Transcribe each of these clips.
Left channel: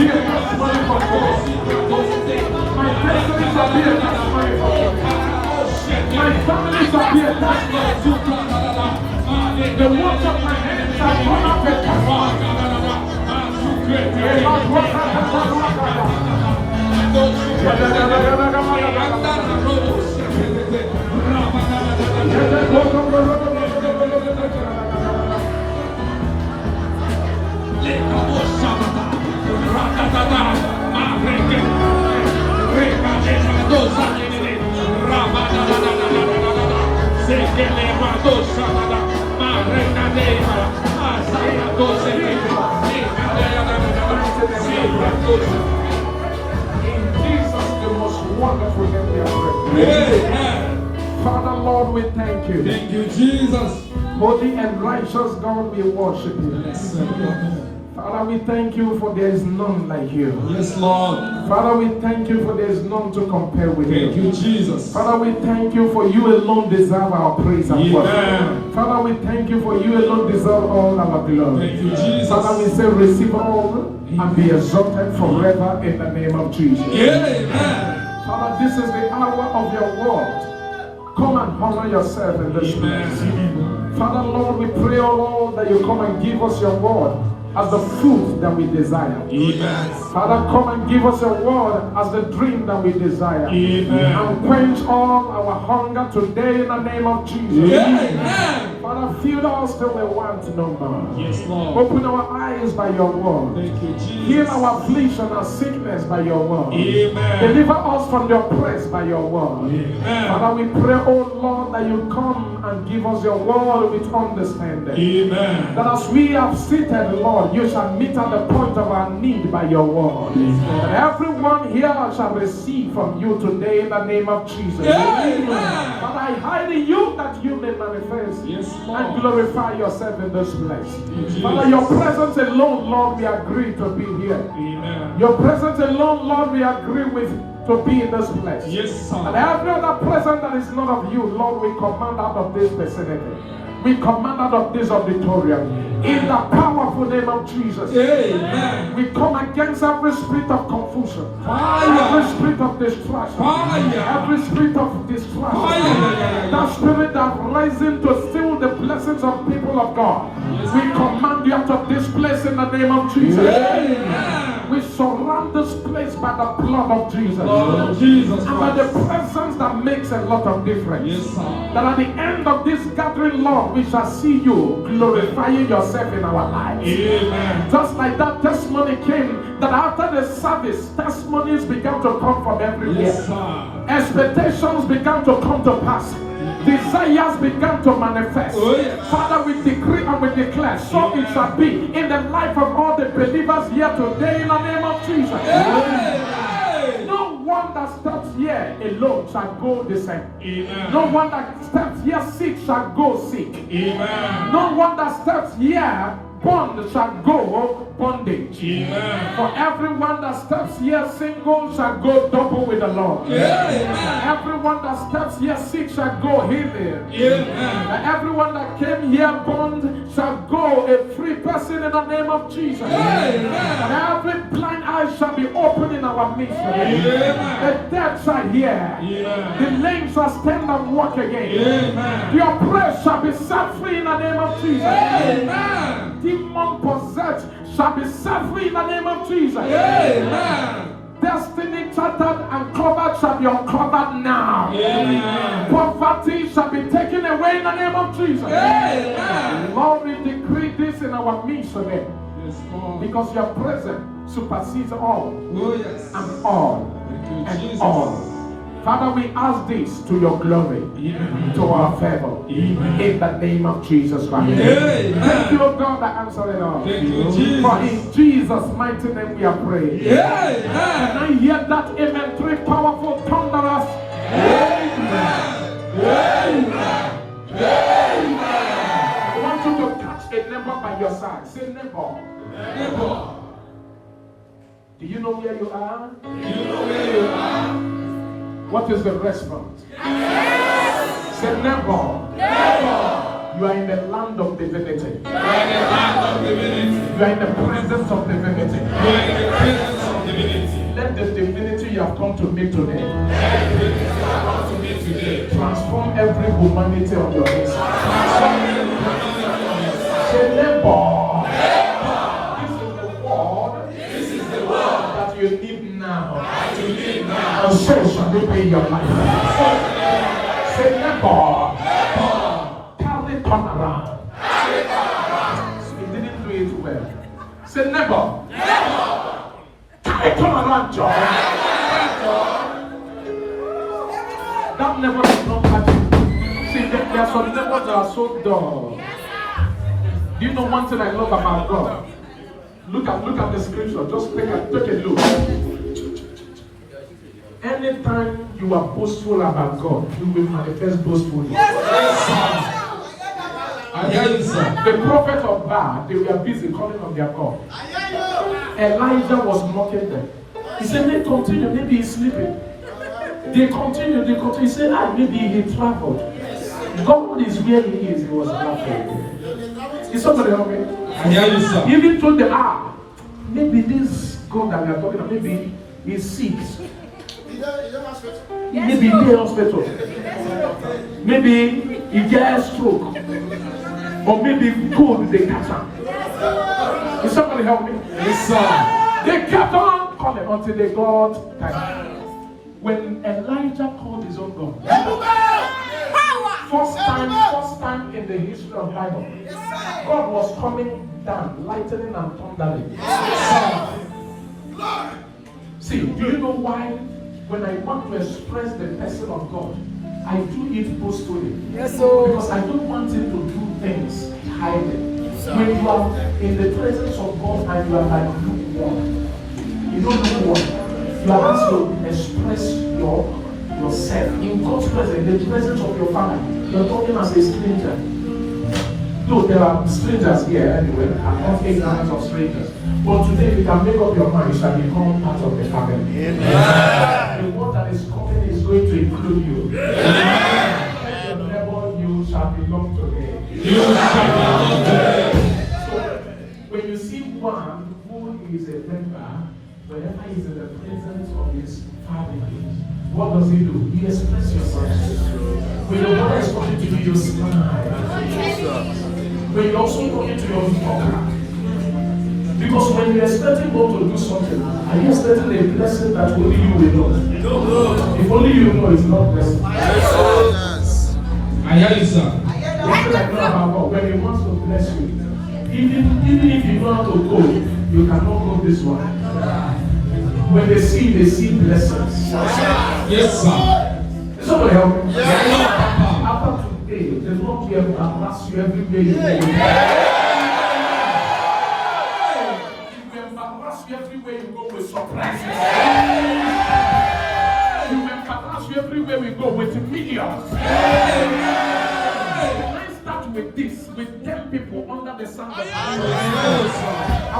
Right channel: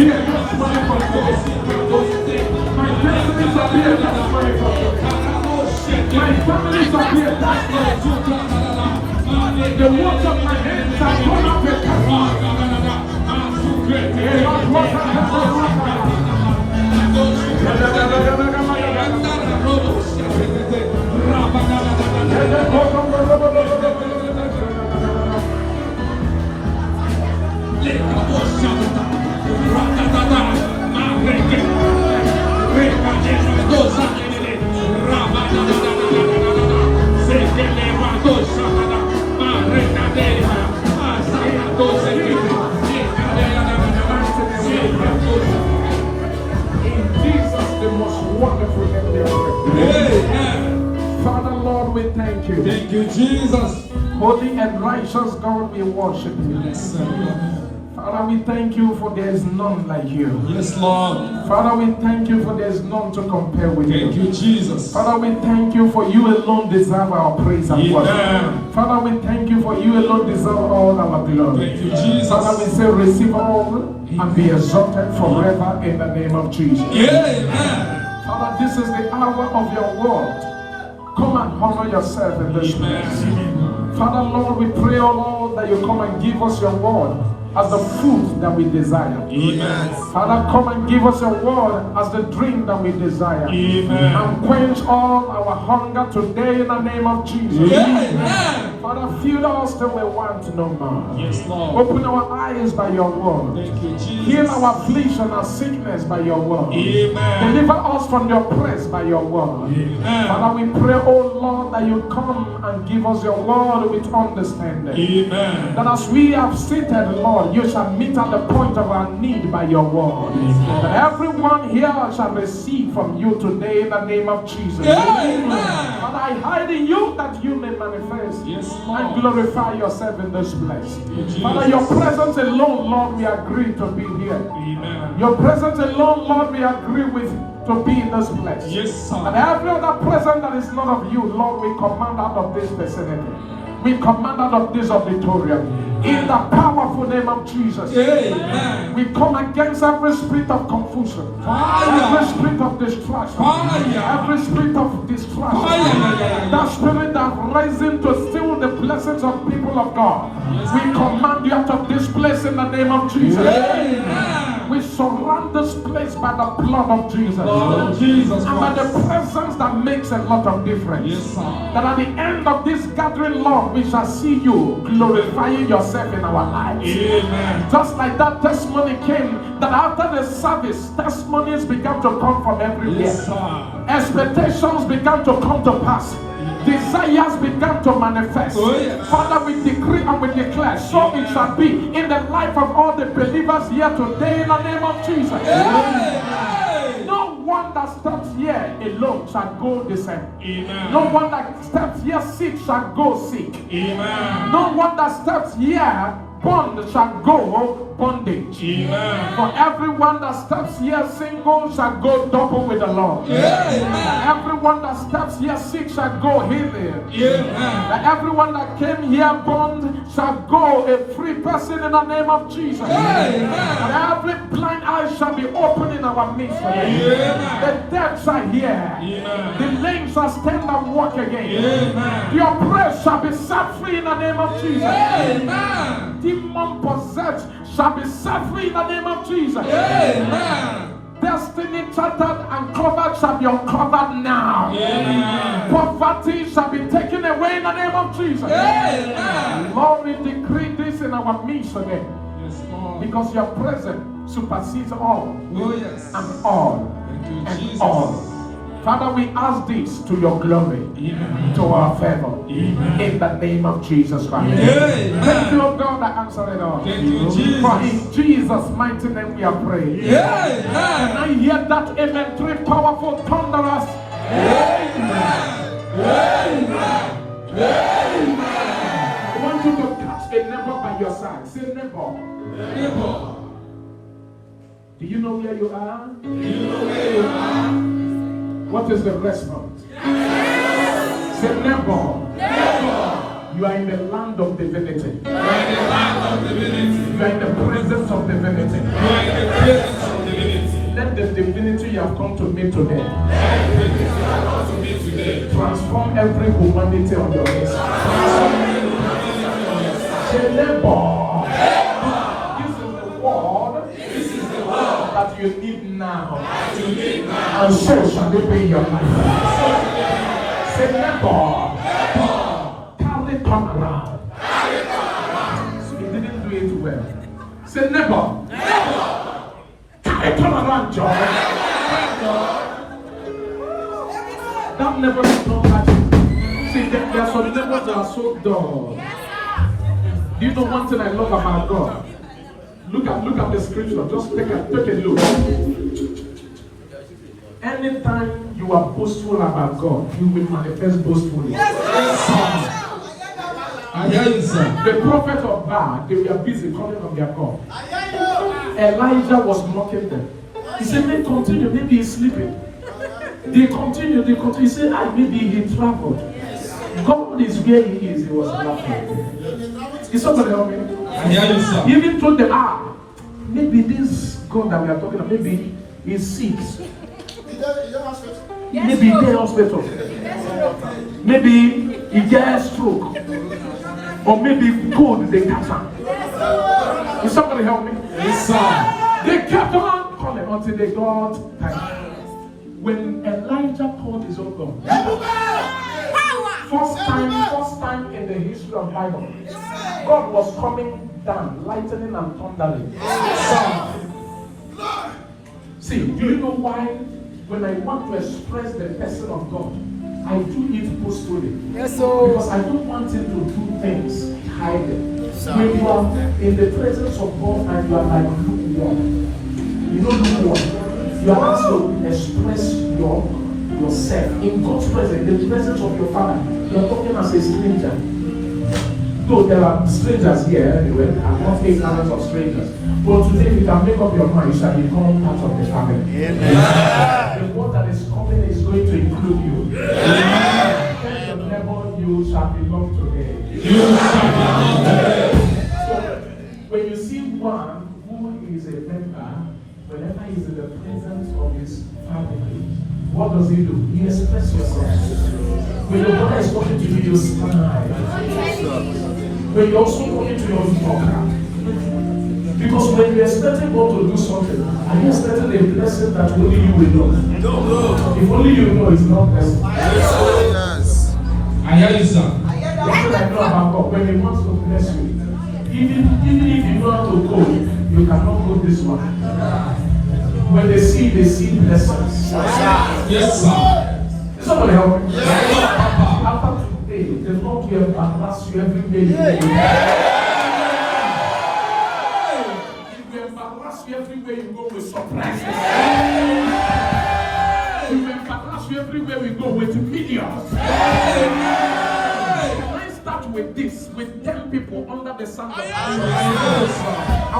be a testimony for those. My destiny shall be a testimony for those. My family shall be a testimony. The work of my hands shall come up a testimony. Father, Lord, we thank you. Thank you, Jesus. Holy and righteous God, we worship you. Yes, sir. Father, we thank you for there is none like you. Yes, Lord. Father, we thank you for there is none to compare with you. Thank you, Jesus. Father, we thank you for you alone deserve our praise and worship. Amen. Father, we thank you for you alone deserve all our glory. Thank you, Jesus. Father, we say receive all and be exalted forever in the name of Jesus. Amen. Father, this is the hour of your word. Come and honor yourself in this place. Father, Lord, we pray, oh Lord, that you come and give us your word as the food that we desire. Amen. Father, come and give us your word as the drink that we desire. Amen. And quench all our hunger today in the name of Jesus. Amen. Father, fill us till we want no more. Yes, Lord. Open our eyes by your word. Thank you, Jesus. Heal our affliction and sickness by your word. Amen. Deliver us from the oppressed by your word. Amen. Father, we pray, oh Lord, that you come and give us your word with understanding. Amen. That as we have seated, Lord, you shall meet at the point of our need by your word. Amen. Everyone here shall receive from you today in the name of Jesus. Amen. Father, I hide in you that you may manifest. Yes, Lord. And glorify yourself in this place. Yes, Father, your presence alone, Lord, we agree to be here. Amen. Your presence alone, Lord, we agree with to be in this place. Yes, sir. And every other presence that is not of you, Lord, we command out of this vicinity. We command out of this auditorium. In the powerful name of Jesus. Amen. We come against every spirit of confusion. Fire. Every spirit of distrust. Fire. Every spirit of distrust. Fire. That spirit that rising to steal the blessings of people of God. We command you out of this place in the name of Jesus. Amen. We surround this place by the blood of Jesus. Lord Jesus And by the Christ. presence that makes a lot of difference. Yes, sir. That at the end of this gathering, Lord, we shall see you glorifying yourself in our lives. Amen. Just like that testimony came, that after the service, testimonies began to come from everywhere. Yes, sir. Expectations began to come to pass. Desires began to manifest. Oh, yes. Father, we decree and we declare, so it shall be in the life of all the believers here today in the name of Jesus. Amen. No one that steps here alone shall go the same. Amen. No one that steps here sick shall go sick. Amen. No one that steps here bond shall go bondage. Amen. For everyone that steps here single shall go double with the Lord. Amen. And everyone that steps here sick shall go healing. Amen. And everyone that came here bond shall go a free person in the name of Jesus. Amen. And every blind eye shall be opened in our midst. Amen. The dead shall hear. Amen. The lame shall stand and walk again. Amen. The oppressed shall be set free in the name of Jesus. Amen. Demon possessed shall be set free in the name of Jesus. Amen. Destiny chattered and covered shall be uncovered now. Amen. Poverty shall be taken away in the name of Jesus. Amen. Lord, we decree this in our midst again. Yes, Lord. Because your presence supersedes all Oh, yes. and all Thank you, and Jesus. all. Father, we ask this to your glory, Amen. to our favor, Amen. in the name of Jesus Christ. Amen. Thank you, God, that answered it all. Thank you, Jesus. For in Jesus' mighty name we are praying. Amen. Can I hear that amen? Three powerful thunderers. Amen. Amen. Amen. I want you to catch a neighbor by your side. Say neighbor. Neighbor. Do you know where you are? Do you know where you are? What is the response? Say neighbor. Neighbor. You are in the land of divinity. You are in the land of divinity. You are in the presence of divinity. You are in the presence of divinity. Let the divinity you have come to meet today transform every humanity on your inside. Say, neighbor, this is the word that you need now. And so shall it be in your life. Say, neighbor, carry turn around. You didn't do it well. Say, neighbor, carry turn around, John. That never is not magic. See, there are some neighbors that are so dull. Do you know one thing I love about God? Look at the scripture. Just take a look. Anytime you are boastful about God, you will manifest boastfully. The prophet of Baal, they were busy calling on their God. Elijah was mocking them. He said, "May continue. Maybe he's sleeping." They continue. He said, maybe he traveled. God is where he is. He was laughing. Is somebody help me? He even told them, maybe this God that we are talking about, maybe he's sick. Maybe he's in the hospital. Maybe he gets stroke. Or maybe cold, they catch him. Will somebody help me? Yes, sir. They kept on calling until they got tired. When Elijah called his own God, first time in the history of the Bible, God was coming down, lightning and thundering. See, do you know why? When I want to express the person of God, I do it boastfully. Because I don't want him to do things hiding. When you are in the presence of God and you are like lukewarm, you don't know what. You are asked to express yourself in God's presence, in the presence of your Father. You are talking as a stranger. Look, there are strangers here anyway. I'm not ignorant of strangers. But today you can make up your mind, you shall become part of the family. The word that is coming is going to include you. Tell your neighbor, you shall belong to me. You shall belong to me. So, when you see one who is a member, whenever he's in the presence of his family, what does he do? He expresses yourself. When your brother is talking to you, you smile. When you're also talking to your talker. Because when you're expecting God to do something, are you expecting a blessing that only you will know? No. If only you know, it's not blessing. Yes. I hear you, sir. One thing I know about God, when He wants to bless you, even if you don't have to go, you cannot go this one. When they see blessings. Yes, sir. Somebody help me. Yes, After today, the Lord will embarrass you everywhere you go. He will embarrass you everywhere you go with surprises. He will embarrass you everywhere we go with millions. Let's start with this, with 10 people under the sun. I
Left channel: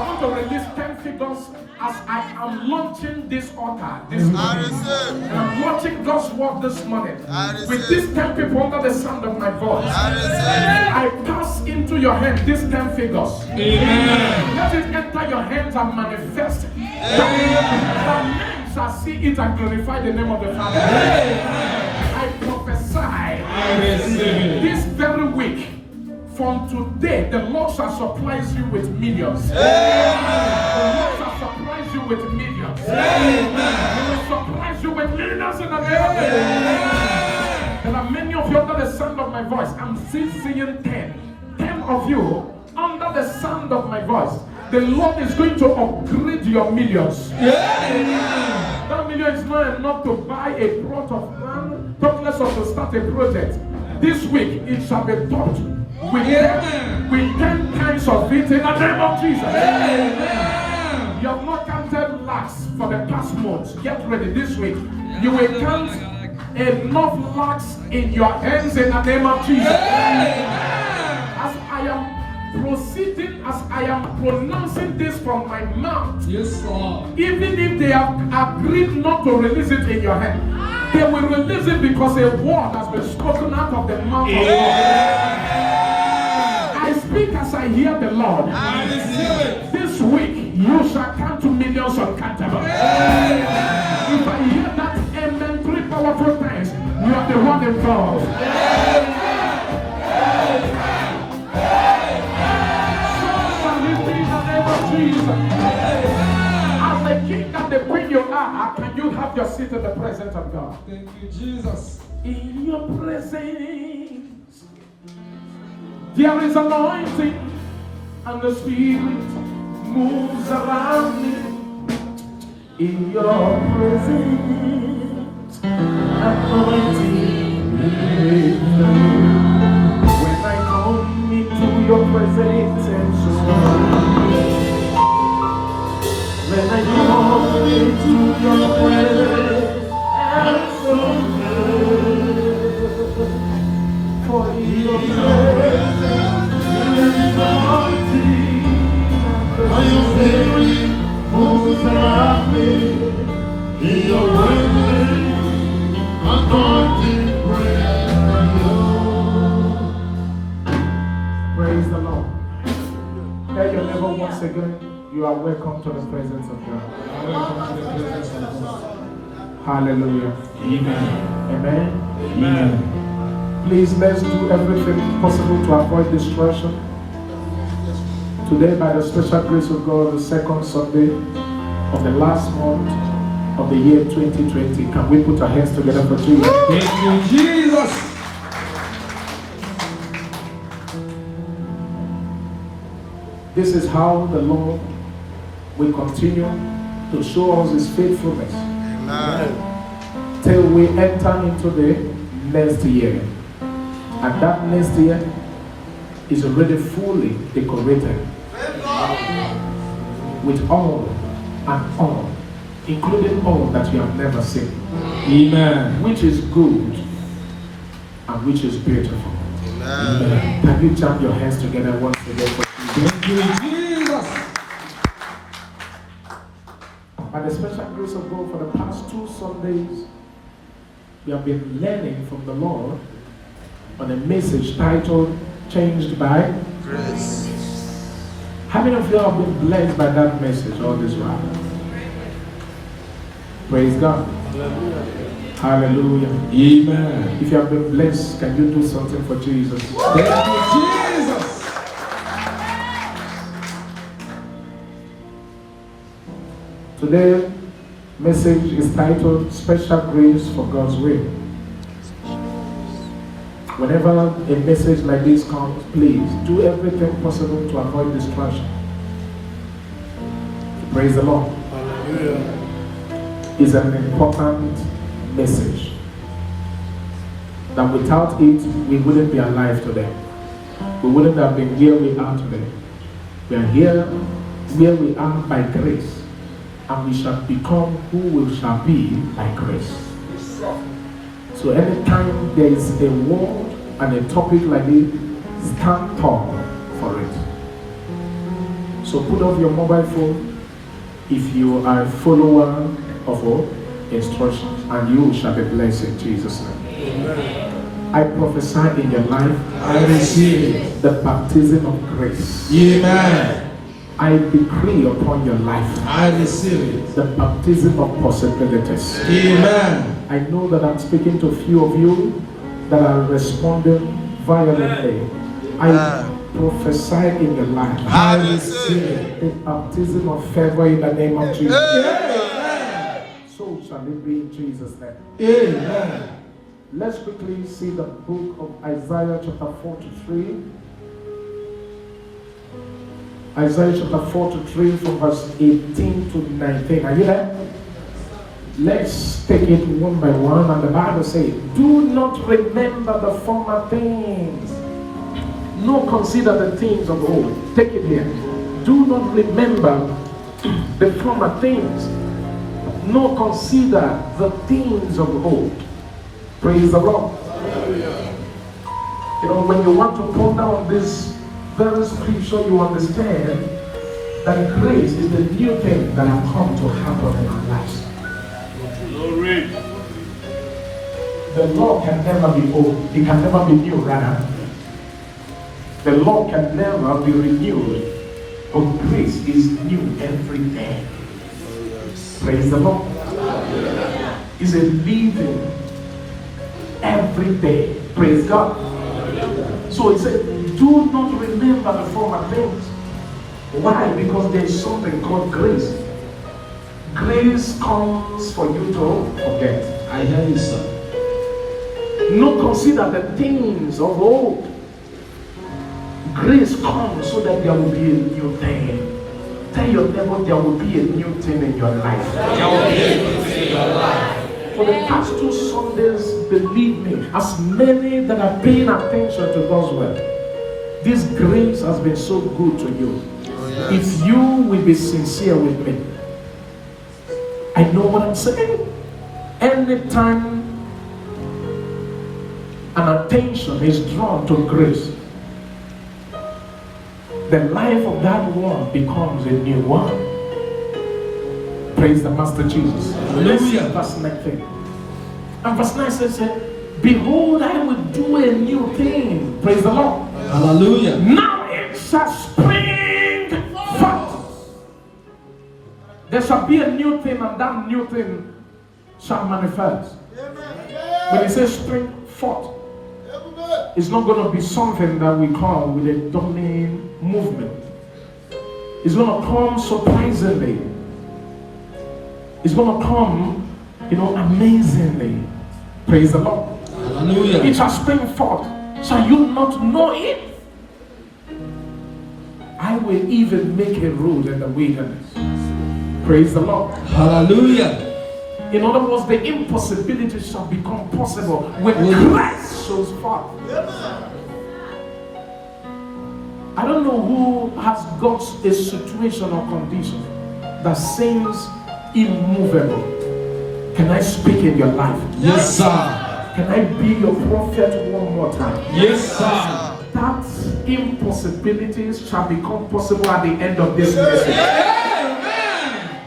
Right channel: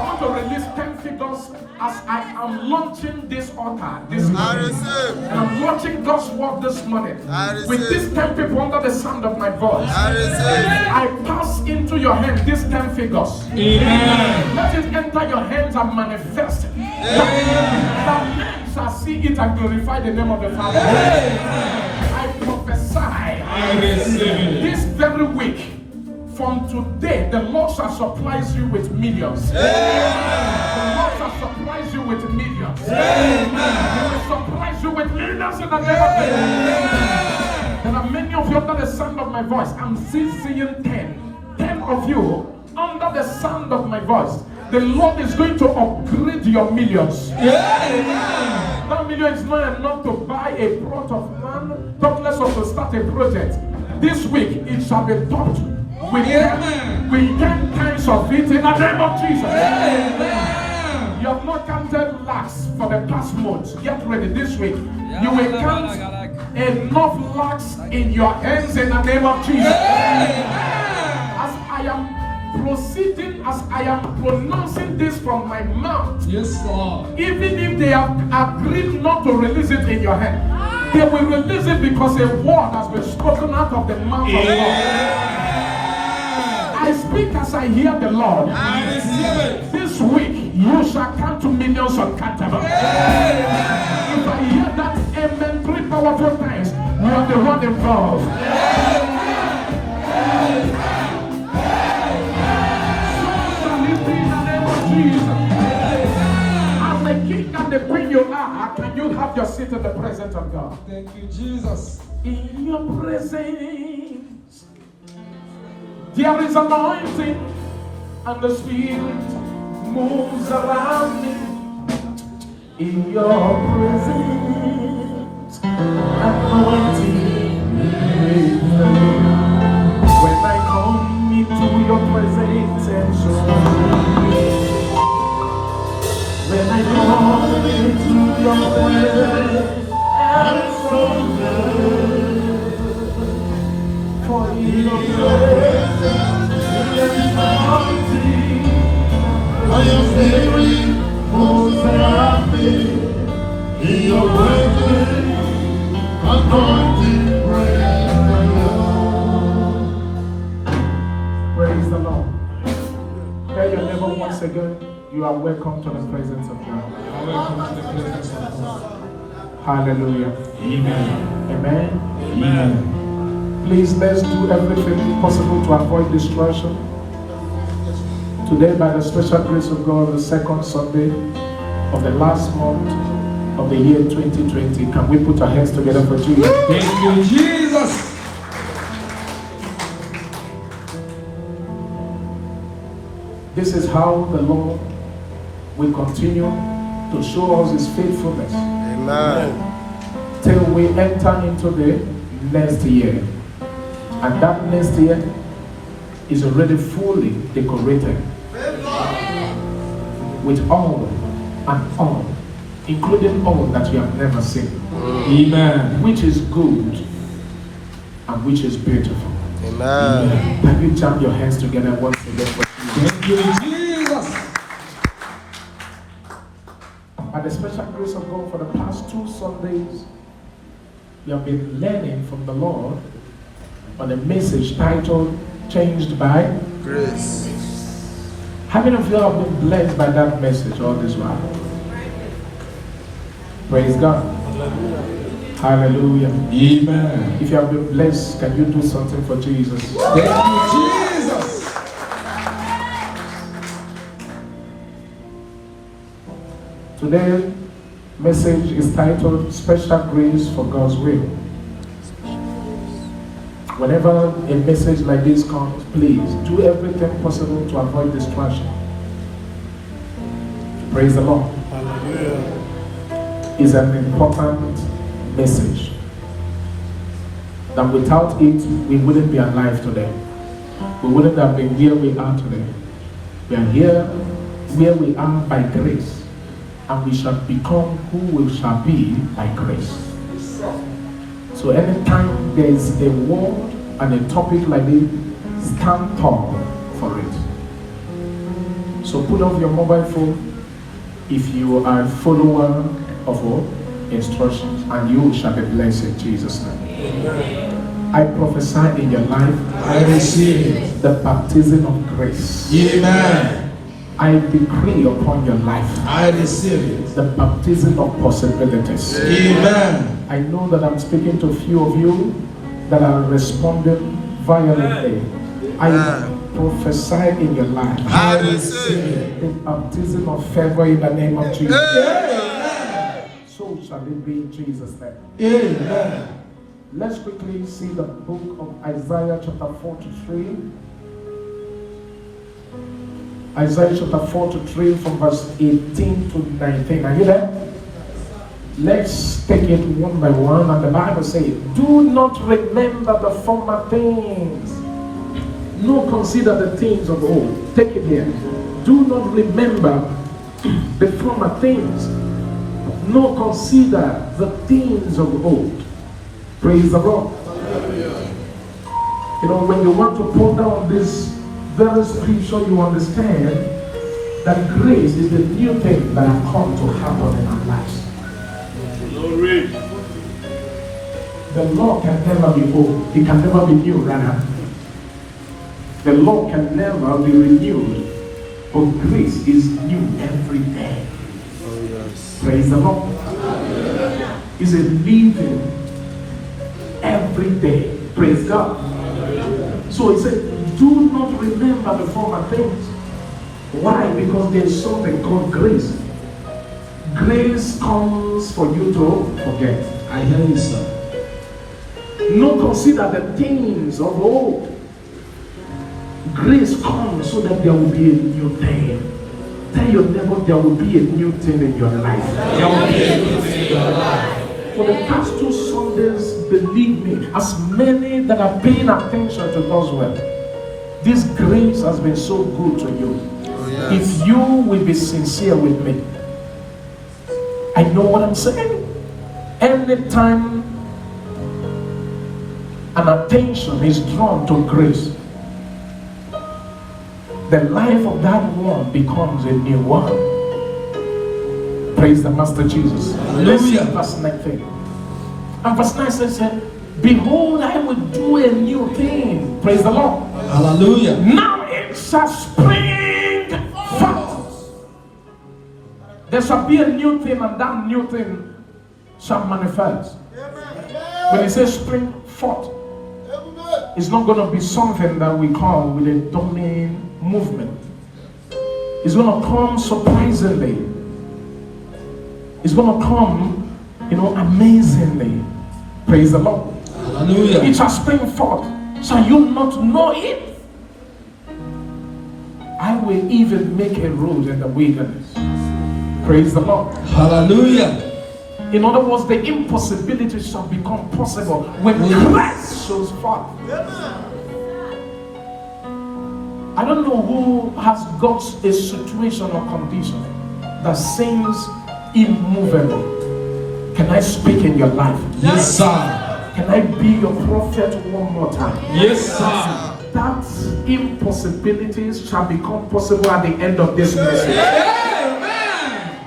want to release 10 figures as I am launching this altar this morning. And I'm launching God's word this morning. With these 10 people under the sound of my voice. I pass into your hand these 10 figures. Amen. Let it enter your hands and manifest. That men shall see it and glorify the name of the Father. I prophesy this very week. From today, the Lord shall surprise you with millions. The Lord shall surprise you with millions. He will surprise you with millions in the name of Jesus. There are many of you under the sound of my voice. I'm still seeing 10. 10 of you under the sound of my voice. The Lord is going to upgrade your millions. That million is not enough to buy a plot of land, talk less of to start a project. This week, it shall be taught. With 10 times of it in the name of Jesus. You have not counted lakhs for the past months. Get ready this week. You will count enough lakhs in your hands in the name of Jesus. As I am proceeding, as I am pronouncing this from my mouth, yes, Lord. Even if they have agreed not to release it in your hand, they will release it because a word has been spoken out of the mouth of God. I hear the Lord, I receive it. this week you shall count to millions uncountable. If I hear that amen 3 powerful times, you are the one involved. Shall it be in the name of Jesus? As the king and the queen you are, can you have your seat in the presence of God? Thank you, Jesus. In your presence, there is anointing, and the Spirit moves around me. In your presence, anointing me. When I come into your presence, and when I come into your presence, and for in your presence, there is anointing, and your Spirit moves around me. In your presence, anointing praise the Lord. Tell your neighbor once again, you are welcome to the presence of God. Hallelujah. Amen. Amen. Amen. Please, let's do everything possible to avoid distraction. Today, by the special grace of God, the second Sunday of the last month of the year 2020, can we put our hands together for Jesus? Thank you, Jesus. This is how the Lord will continue to show us His faithfulness. Amen. Till we enter into the next year. And that next year is already fully decorated with all and all, including all that you have never seen, Amen. which is good and which is beautiful. Amen. Can you jump your hands together once again? Thank you, Jesus. By the special grace of God, for the past 2 Sundays, we have been learning from the Lord on a message titled Changed by Grace. How many of you have been blessed by that message all this while? Praise God. Hallelujah. Amen. If you have been blessed, can you do something for Jesus? Thank you, Jesus. Today's message is titled Special Grace for God's Will. Whenever a message like this comes, please do everything possible to avoid distraction. Praise the Lord. It's an important message that without it, we wouldn't be alive today. We wouldn't have been where we are today. We are here where we are by grace, and we shall become who we shall be by grace. So anytime there is a word and a topic like this, stand tall for it. So put off your mobile phone if you are a follower of all instructions, and you shall be blessed in Jesus' name. I prophesy in your life, I receive it. the baptism of grace. Amen. I decree upon your life I receive it. the baptism of possibilities. Amen. I know that I'm speaking to a few of you that are responding violently. I prophesy in your life I receive it. the baptism of favor in the name of Jesus. Amen. So shall it be in Jesus' name. Amen. Let's quickly see the book of Isaiah chapter 43. Isaiah chapter 43 from verse 18 to 19. Are you there? Let's take it one by one. And the Bible says, do not remember the former things, nor consider the things of old. Take it here. Do not remember the former things, nor consider the things of old. Praise the Lord. You know, when you want to ponder on this very scripture, you understand that grace is the new thing that has come to happen in our lives. The law can never be old. It can never be new, rather. The law can never be renewed, but grace is new every day. Praise the Lord. It's a living every day. Praise God. So it said, do not remember the former things. Why? Because there is something called grace. Grace comes for you to forget. I hear you, sir. Not consider the things of old. Grace comes so that there will be a new thing. Tell your neighbor there will be a new thing in your life. There will be a new thing in your life. For the past 2 Sundays, believe me, as many that are paying attention to God's word, this grace has been so good to you. yes. If you will be sincere with me, I know what I'm saying. Anytime an attention is drawn to grace, the life of that one becomes a new one. Praise the Master Jesus. Listen, verse 19. And verse 9 says, behold, I will do a new thing. Praise the Lord. Hallelujah. Now it shall spring forth. There shall be a new thing, and that new thing shall manifest. When it says spring forth, it's not going to be something that we call with a domain movement. It's going to come surprisingly. It's going to come, amazingly. Praise the Lord. Hallelujah. It shall spring forth. Shall you not know it? I will even make a road in the wilderness. Praise the Lord. Hallelujah. In other words, the impossibility shall become possible when Christ shows forth. I don't know who has got a situation or condition that seems immovable. Can I speak in your life? Yes, sir. Can I be your prophet one more time? Yes, sir. That impossibilities shall become possible at the end of this message. Amen.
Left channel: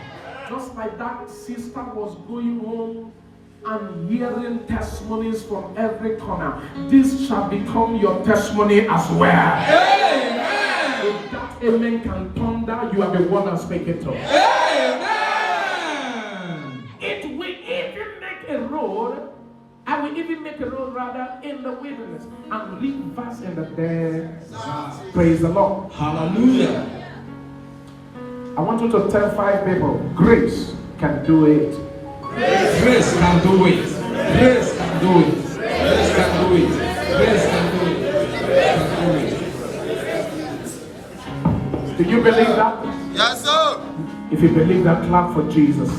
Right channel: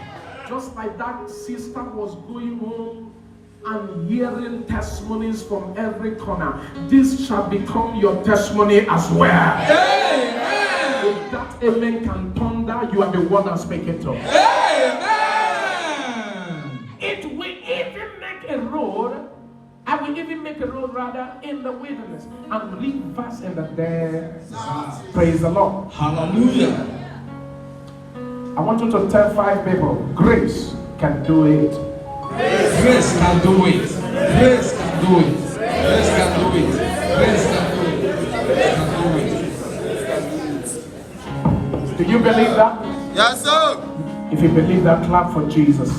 Just like that sister was going home and hearing testimonies from every corner, this shall become your testimony as well. Amen. If that amen can thunder, you are the one I'm speaking to. Amen. It will even make a road. I will even make a road rather in the wilderness and rivers in the desert. Praise the Lord. Hallelujah. I want you to tell 5 people, grace can do it. Grace can do it. Grace can do it. Grace can do it. Grace can do it. Do you believe that? Yes, sir. If you believe that, clap for Jesus.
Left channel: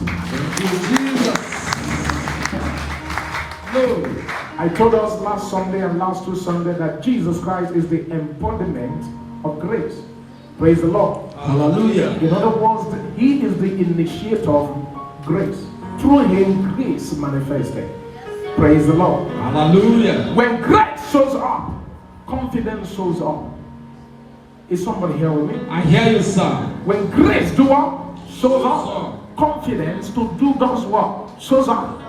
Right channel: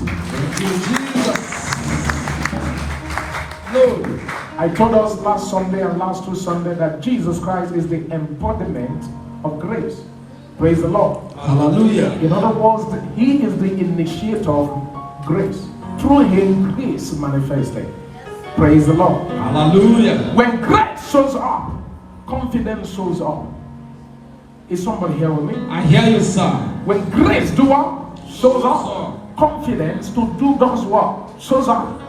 I told us last Sunday and last 2 Sundays that Jesus Christ is the embodiment of grace. Praise the Lord. Hallelujah. In other words, He is the initiator of grace. Through Him, grace manifested. Praise the Lord. Hallelujah. When grace shows up, confidence shows up. Is somebody here with me? I hear you, sir. When grace shows up, confidence to do God's work shows up.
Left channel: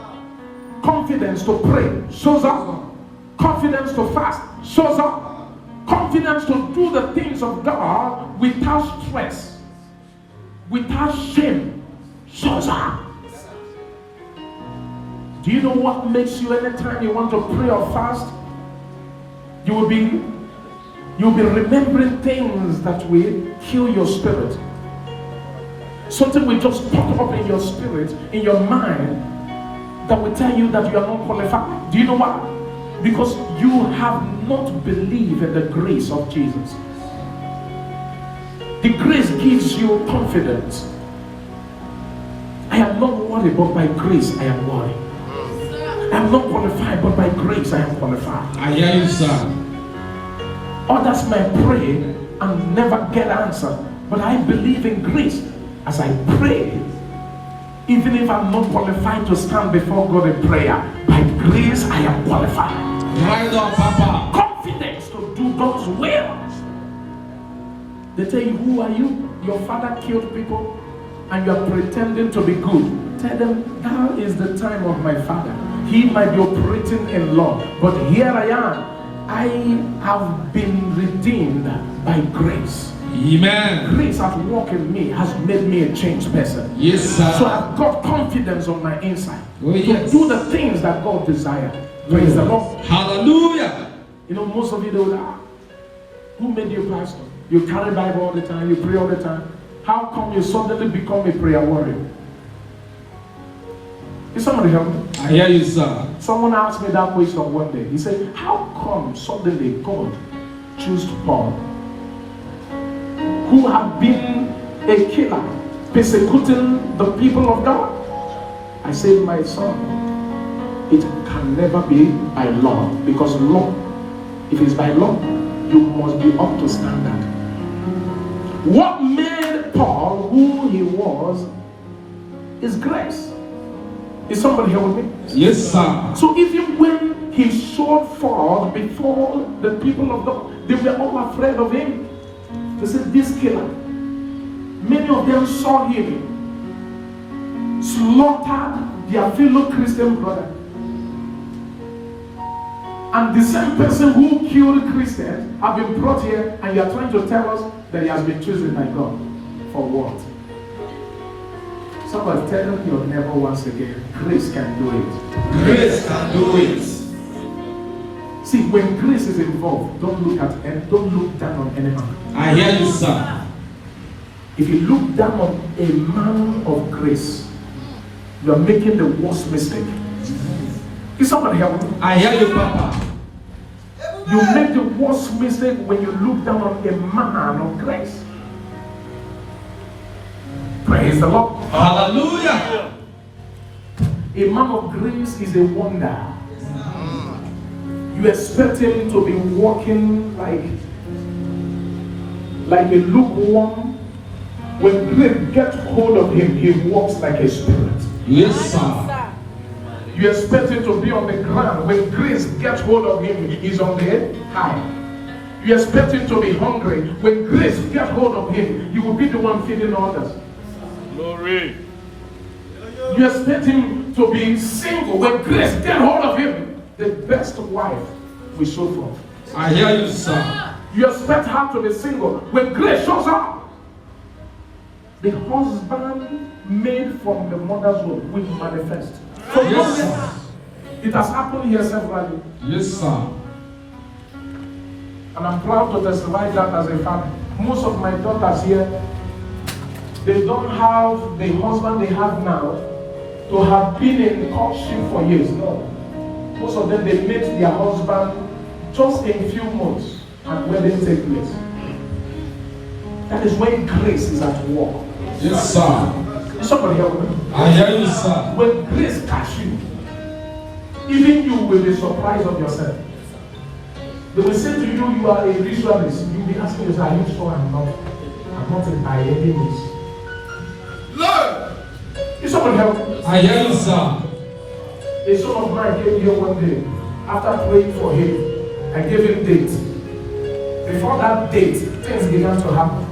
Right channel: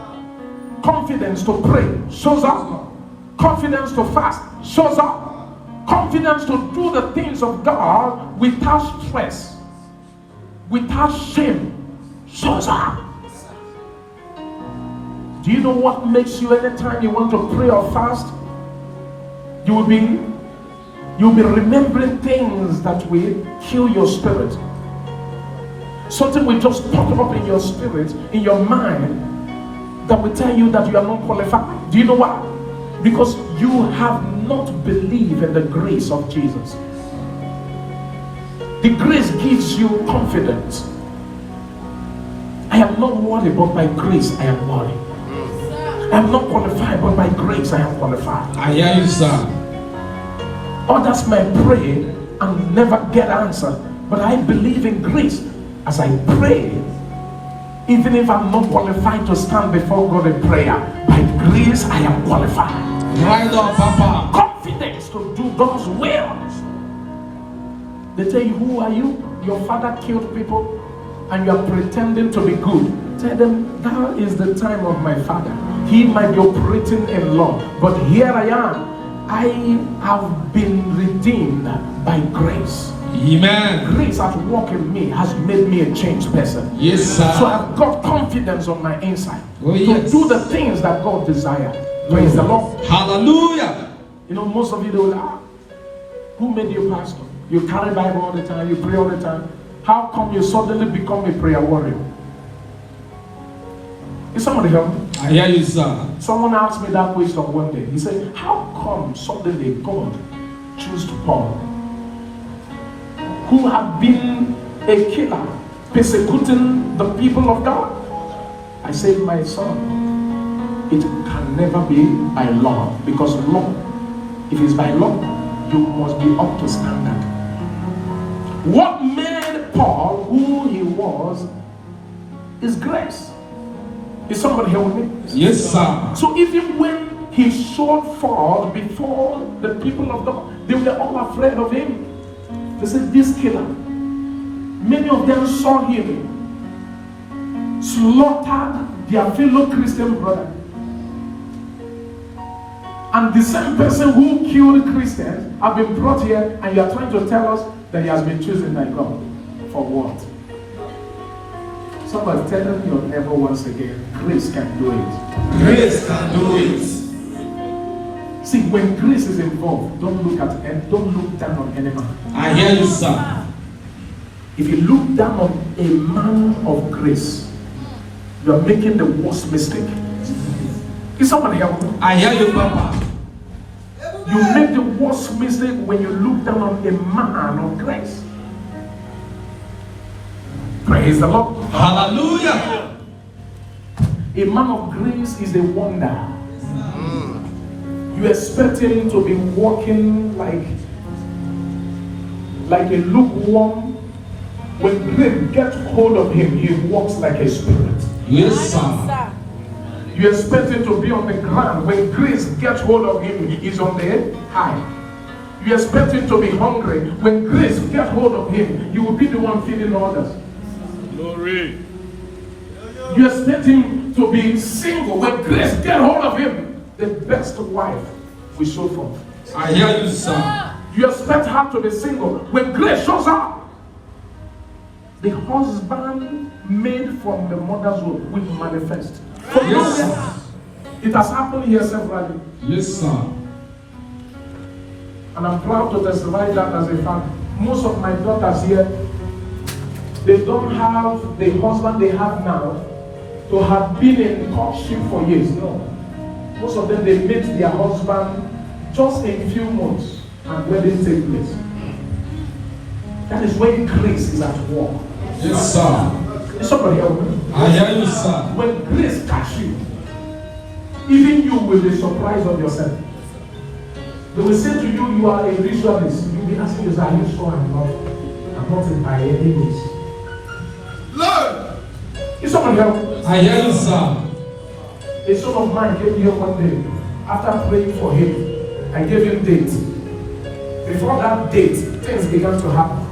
Confidence to pray shows up. Confidence to fast shows up. Confidence to do the things of God without stress, without shame, shows up. Do you know what makes you anytime you want to pray or fast? You'll be remembering things that will kill your spirit. Something will just pop up in your spirit, in your mind, that will tell you that you are not qualified. Do you know why? Because you have not believed in the grace of Jesus. The grace gives you confidence. I am not worried, but by grace I am worried. I am not qualified, but by grace I am qualified. I hear you, sir. Others may pray and never get answered, but I believe in grace. As I pray, even if I'm not qualified to stand before God in prayer, by grace I am qualified. Right on, Papa. Confidence to do God's will. They tell you, who are you? Your father killed people and you're pretending to be good. Tell them, now is the time of my father. He might be operating in law, but here I am. I have been redeemed by grace. Amen. Grace at work in me has made me a changed person. Yes, sir. So I've got confidence on my inside Oh, to yes. do the things that God desires. Praise the Lord. Hallelujah. You know, most of you do that. Who made you pastor? You carry Bible all the time, you pray all the time. How come you suddenly become a prayer warrior? Is somebody help me? I hear you, sir. Someone asked me that question one day. He said, how come suddenly God chose Paul, who had been a killer, persecuting the people of God? I said, my son, it can never be by law, because law, if it's by law, you must be up to standard. What made Paul who he was is grace. Is somebody hearing me? Yes, sir. So even when he showed forth before the people of God, they were all afraid of him. They said, this killer. Many of them saw him slaughtered their fellow Christian brother. And the same person who killed Christians have been brought here, and you are trying to tell us that he has been chosen by God. For what? Somebody tell your neighbor once again, grace can do it. Grace can do it. See, when grace is involved, don't look down on anyone. I hear you, sir. If you look down on a man of grace, you are making the worst mistake. Is somebody help me? I hear you, Papa. You make the worst mistake when you look down on a man of grace. Praise the Lord. Hallelujah. A man of grace is a wonder. You expect him to be walking like a lukewarm. When grace gets hold of him, he walks like a spirit. Yes, sir. You expect him to be on the ground. When grace gets hold of him, he is on the high. You expect him to be hungry. When grace gets hold of him, he will be the one feeding others. Glory. You expect him to be single. When grace gets hold of him, the best wife will show forth. I hear you, sir. You expect her to be single. When grace shows up, the husband made from the mother's womb will manifest. Yes, sir. It has happened here severally. Yes, sir. And I'm proud to testify that as a father. Most of my daughters here, they don't have the husband they have now to have been in courtship for years. No. Most of them, they met their husband just in a few months and wedding take place. That is when grace is at work. Yes, sir. Somebody help me. I hear you, sir. When grace catch you, even you will be surprised of yourself. They will say to you, you are a ritualist. You will be asking yourself, are you sure I'm not in by any means? Lord. Is somebody help me? I hear you, sir. A son of mine came here one day. After praying for him, I gave him date. Before that date, things began to happen.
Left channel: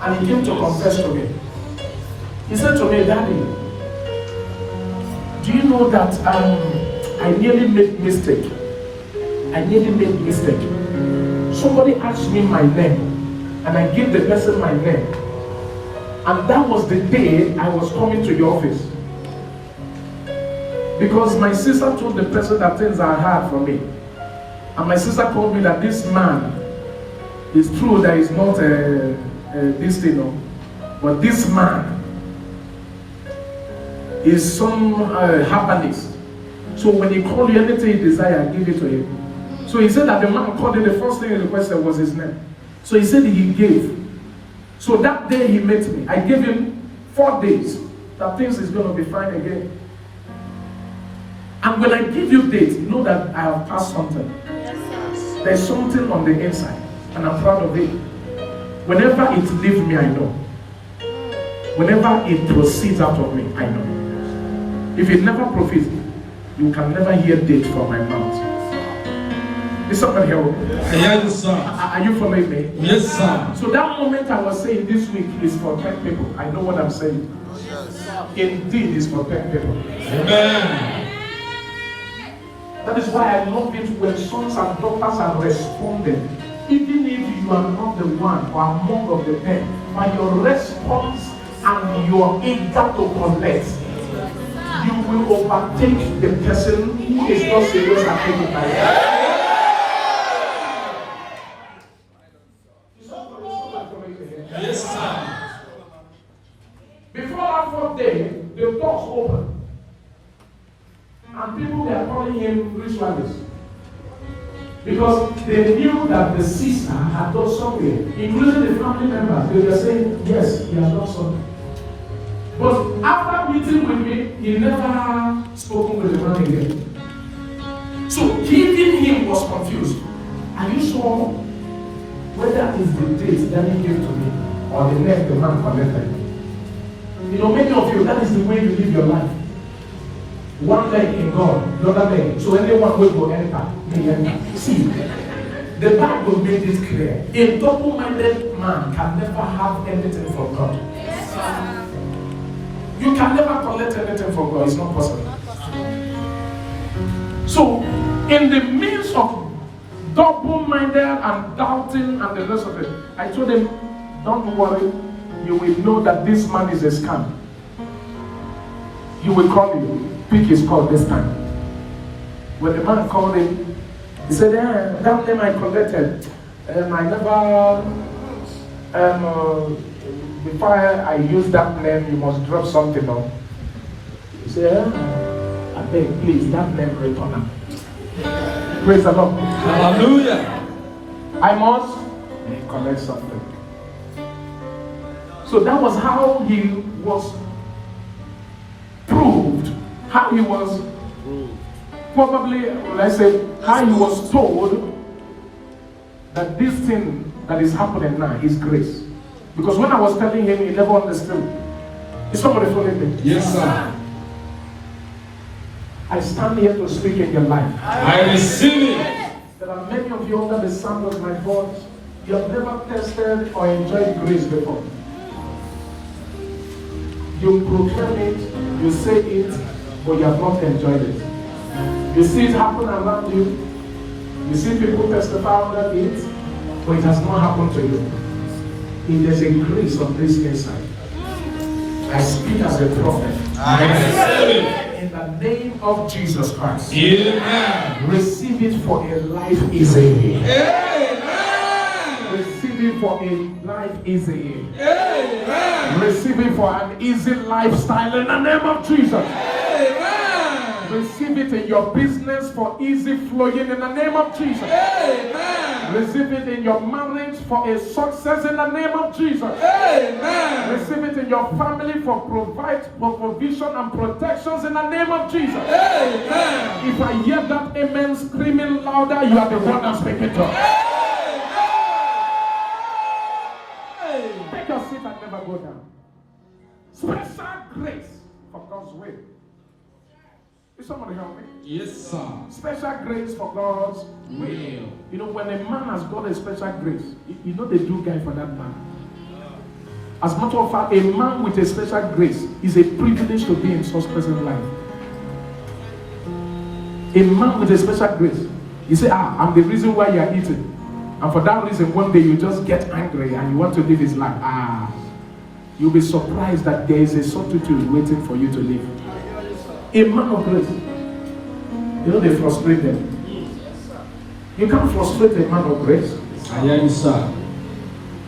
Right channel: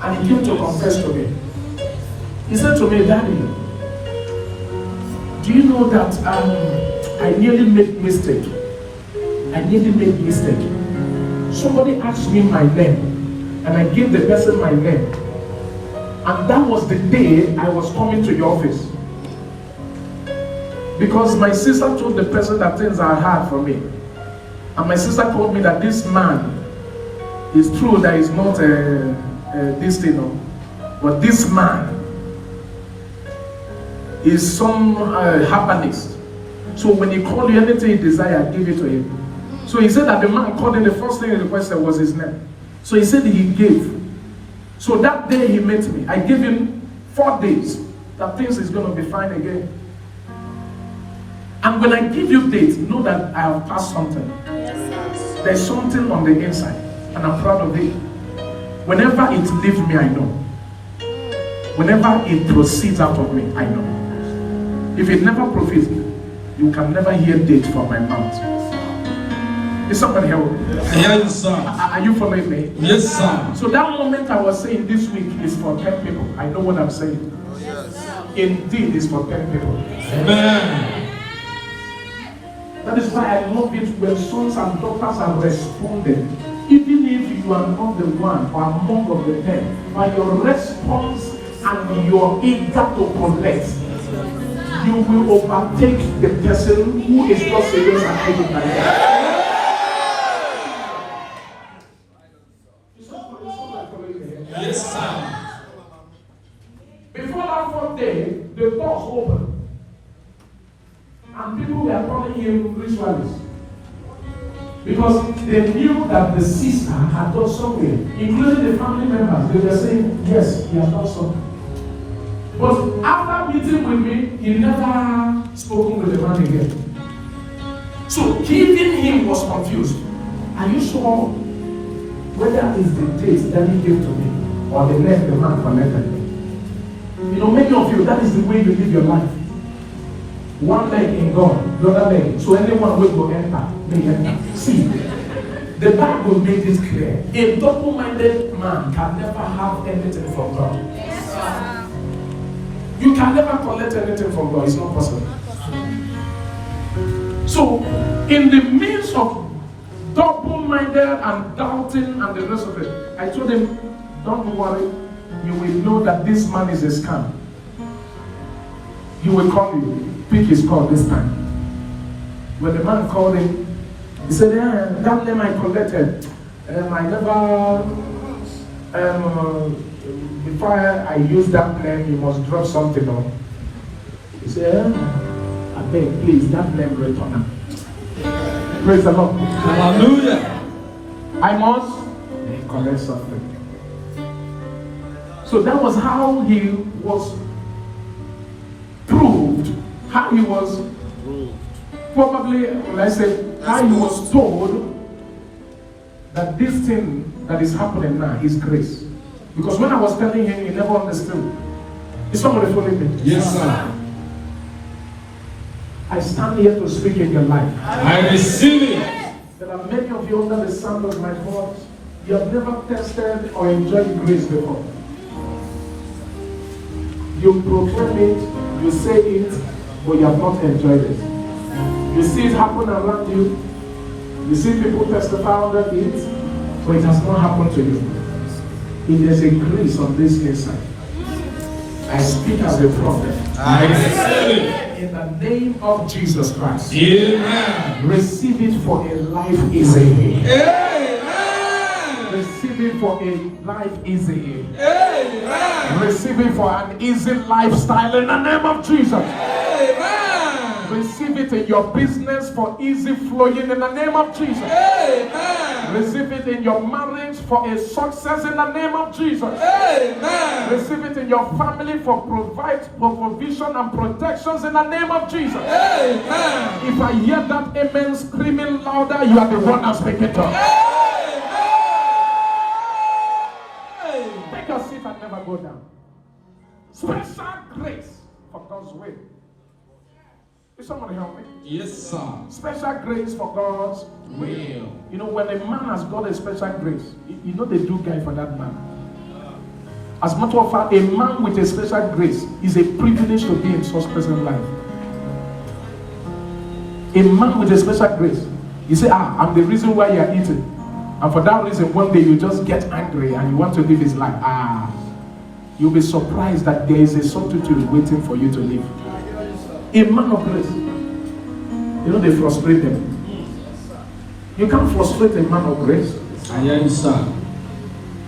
And he came to confess to me. He said to me, Daddy, do you know that I nearly made mistake? I nearly made mistake. Somebody asked me my name, and I gave the person my name. And that was the day I was coming to your office. Because my sister told the person that things are hard for me. And my sister told me that this man is true that he's not this thing, no? But this man is some herbalist. So when he called you, anything he desired, give it to him. So he said that the man called him, the first thing he requested was his name. So he said he gave. So that day he met me, I gave him 4 days that things is going to be fine again. And when I give you dates, you know that I have passed something. There's something on the inside, and I'm proud of it. Whenever it leaves me, I know. Whenever it proceeds out of me, I know. If it never proceeds, you can never hear date from my mouth. Is somebody help me? I hear you, sir. Are you following me? Yes, sir. So that moment I was saying this week is for 10 people. I know what I'm saying. Indeed, it's for 10 people. Amen. That is why I love it when sons and daughters are responding. Even if you are not the one or among of the ten, but your response and your eager to collect, you will overtake the person who is not serious and able to. Yes, sir. Before that fourth day, the doors opened. And people were calling him ritualist. Because they knew that the sister had done something, including the family members. They were saying, yes, he has done something. But after meeting with me, he never spoken with the man again. So giving him was confused. Are you sure whether it's the date that he gave to me or the name the man collected? You know, many of you, that is the way you live your life. One leg in God, the other leg. So anyone will go enter. See, the Bible made it clear. A double-minded man can never have anything from God. Yes, sir. You can never collect anything from God. It's not possible. So, in the midst of double-minded and doubting and the rest of it, I told him, don't worry. You will know that this man is a scam. He will call you. Pick his call this time. When the man called him, he said, that name I collected, and I never, before I use that name, you must drop something off. He said, I beg, please, that name return. Praise the Lord. Hallelujah. I must collect something. So that was how he was proved, how he was probably, let's say, how he was told that this thing that is happening now is grace. Because when I was telling him, he never understood. Is somebody following me? Yes, sir. I stand here to speak in your life. I receive it. There are many of you under the sound of my voice. You have never tested or enjoyed grace before. You proclaim it, you say it, but you have not enjoyed it. You see it happen around you. You see people testify about it, but it has not happened to you. If there's a grace on this inside, I speak as a prophet. I receive it. In the name of Jesus Christ. Amen. Receive it for a life easy. Amen. Receive it for a life easy. Amen. Receive it for an easy lifestyle in the name of Jesus. Amen. Receive it in your business for easy flowing in the name of Jesus. Amen. Receive it in your marriage for a success in the name of Jesus. Amen. Receive it in your family for provision and protections in the name of Jesus. Amen. If I hear that amen screaming louder, you are the one I'm speaking to. Take your seat and never go down. Special grace for God's will. Is somebody help me? Yes, sir. Special grace for God's Will. You know, when a man has got a special grace, you know they do guy for that man. As a matter of fact, a man with a special grace is a privilege to be in such person's life. A man with a special grace, you say, I'm the reason why you are eating. And for that reason, one day you just get angry and you want to live his life. You'll be surprised that there is a solitude waiting for you to live. A man of grace, you know, they frustrate them. You can't frustrate a man of grace. I hear you, sir.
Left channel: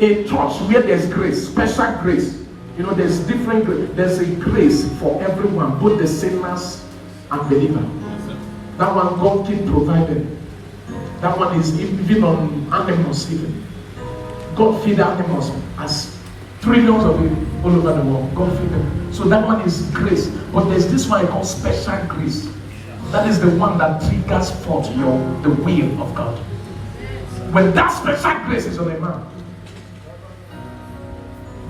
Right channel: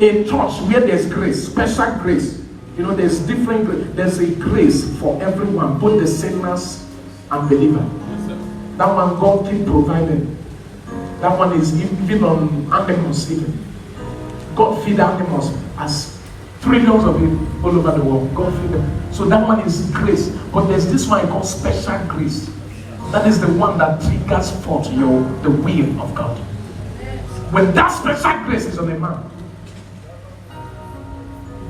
A church where there's grace, special grace, you know, there's different grace. There's a grace for everyone, both the sinners and believer. That one God keep provided. That one is even on animals sleeping. God feed animals as trillions of people all over the world. God feed them. So that one is grace. But there's this one called special grace. That is the one that triggers forth the will of God. When that special grace is on a man,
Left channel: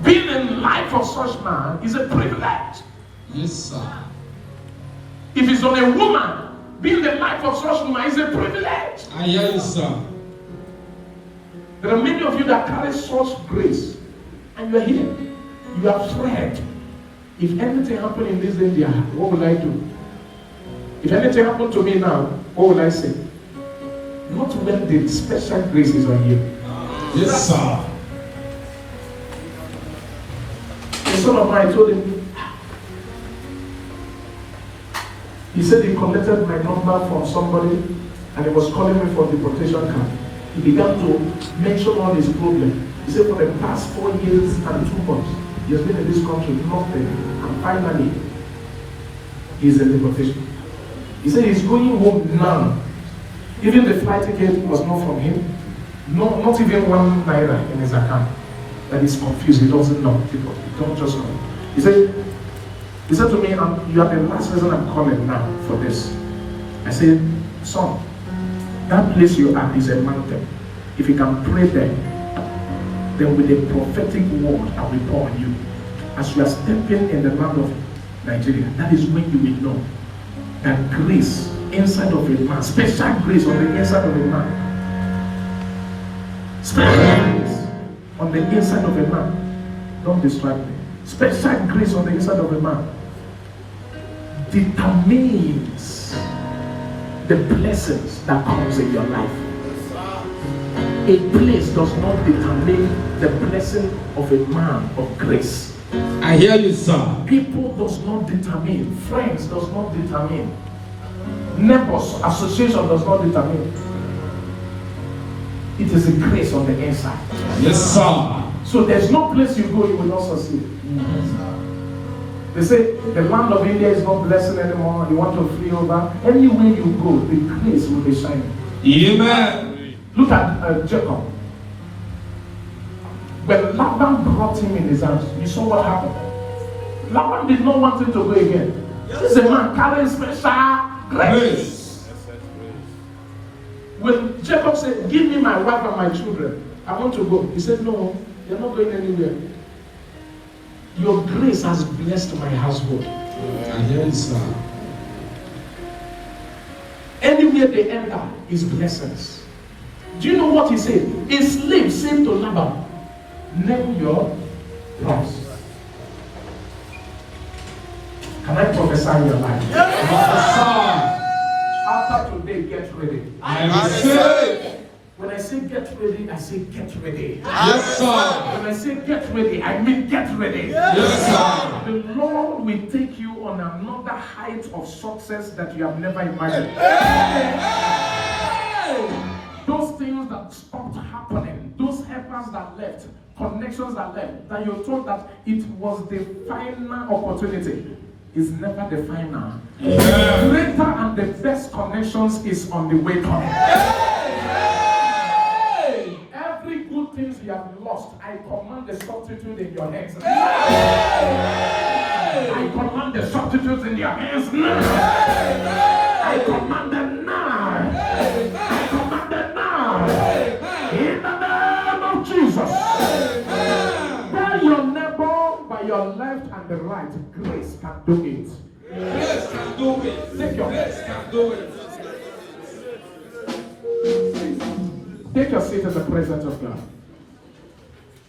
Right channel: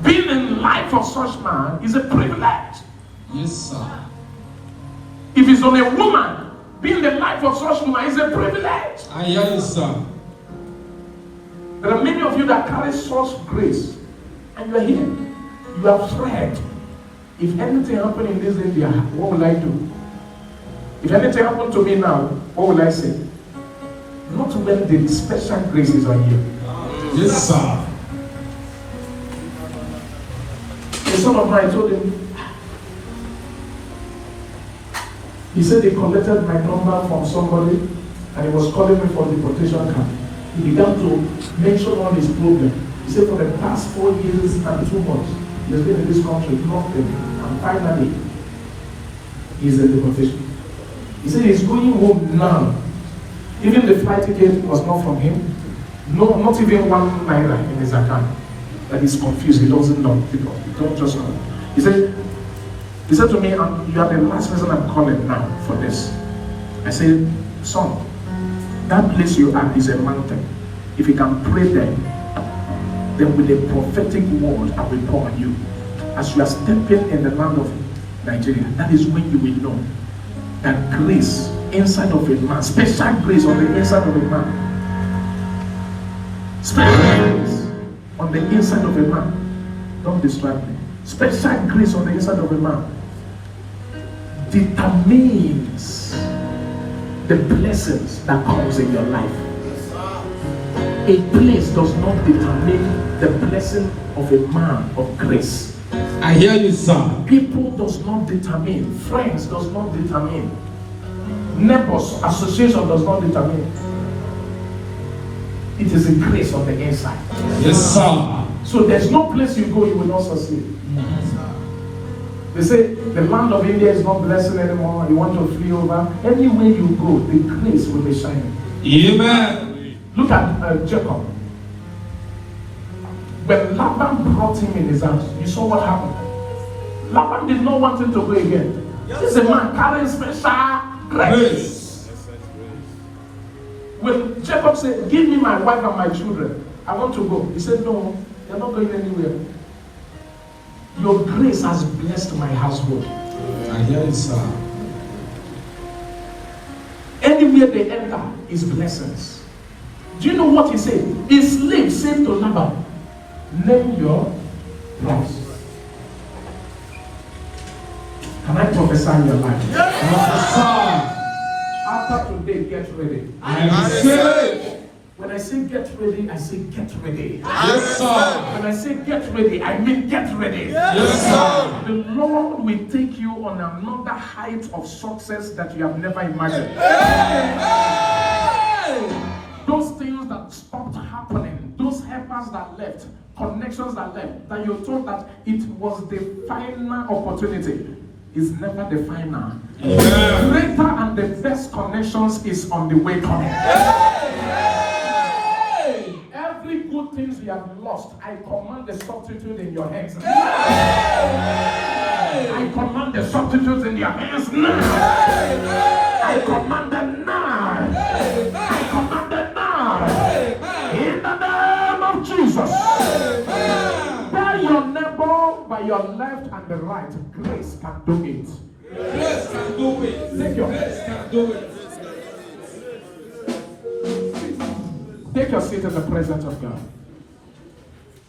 being in the life of such man is a privilege. Yes, sir. If it's on a woman, being in the life of such woman is a privilege. I hear you, sir. There are many of you that carry such grace, and you are here. You are afraid. If anything happened in this India, what will I do? If anything happened to me now, what will I say? Not when the special grace is on you. Yes, sir. A son of mine told him, he said he collected my number from somebody and he was calling me for the protection card. He began to mention all his problems. He said for the past 4 years and 2 months, he has been in this country, nothing, and finally, he's in the protection. He said he's going home now. Even the flight ticket was not from him. No, not even 1 naira in his account. That he's confused. He doesn't know. He don't just know. He said to me, you are the last person I'm calling now for this. I said, son, that place you are is a mountain. If you can pray there, then with the prophetic word I will pour on you. As you are stepping in the land of Nigeria, that is when you will know that grace inside of a man, special grace on the inside of a man, special grace on the inside of a man. Don't distract me. Special grace on the inside of a man determines the blessings that comes in your life. A place does not determine the blessing of a man of grace. I hear you, sir. People does not determine. Friends does not determine. Neighbors, association does not determine. It is a grace on the inside. Yes, sir. So there's no place you go you will not succeed. They say the land of India is not blessed anymore. You want to flee over. Anywhere you go, the grace will be shining. Amen. Look at Jacob. When Laban brought him in his house, you saw what happened. Laban did not want him to go again. This is a man carrying special grace. When Jacob said, give me my wife and my children, I want to go. He said, no, they're not going anywhere. Your grace has blessed my household. I hear you, sir. Anywhere they enter is blessings. Do you know what he said? A slave said to Laban, name your price. Can I prophesy your life? After today, get ready. I receive. When I say get ready, I say get ready. Yes, sir. When I say get ready, I mean get ready. Yes, sir. The Lord will take you on another height of success that you have never imagined. Those things that stopped happening, those helpers that left, connections that left, that you thought that it was the final opportunity, is never the final. Yeah. Greater and the best connections is on the way coming. Every good things you have lost, I command the substitute in your hands. I command the substitutes in your hands now. I command them now. I command them now. In the name of Jesus. By your neighbor, by your left and the right, grace can do it. Grace can do it. Take your Grace can do it. Take your seat in the presence of God.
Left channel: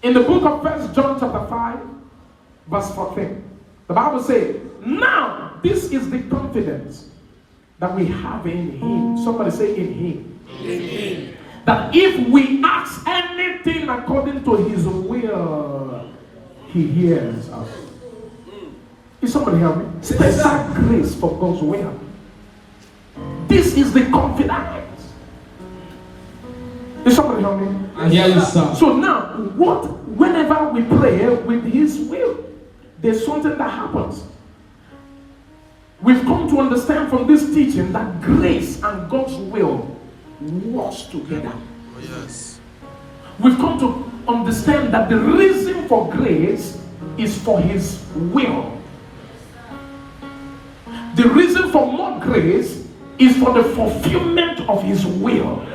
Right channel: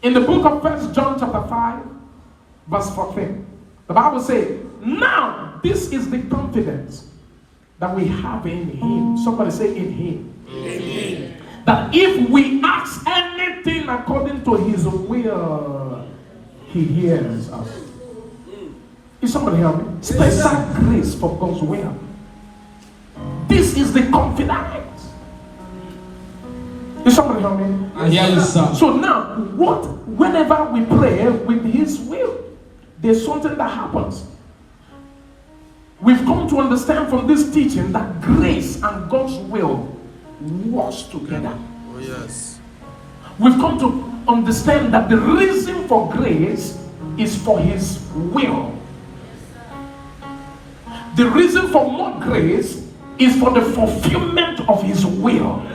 In the book of 1 John chapter 5, verse 14, the Bible says, now this is the confidence that we have in Him. Somebody say in Him. Amen. That if we ask anything according to His will, He hears us. Is somebody help me? Special grace for God's will. This is the confidence. Is somebody help me? Yes, sir. So now, whenever we pray with His will, there's something that happens. We've come to understand from this teaching that grace and God's will works together. Oh, yes. We've come to understand that the reason for grace is for His will. The reason for more grace is for the fulfillment of His will.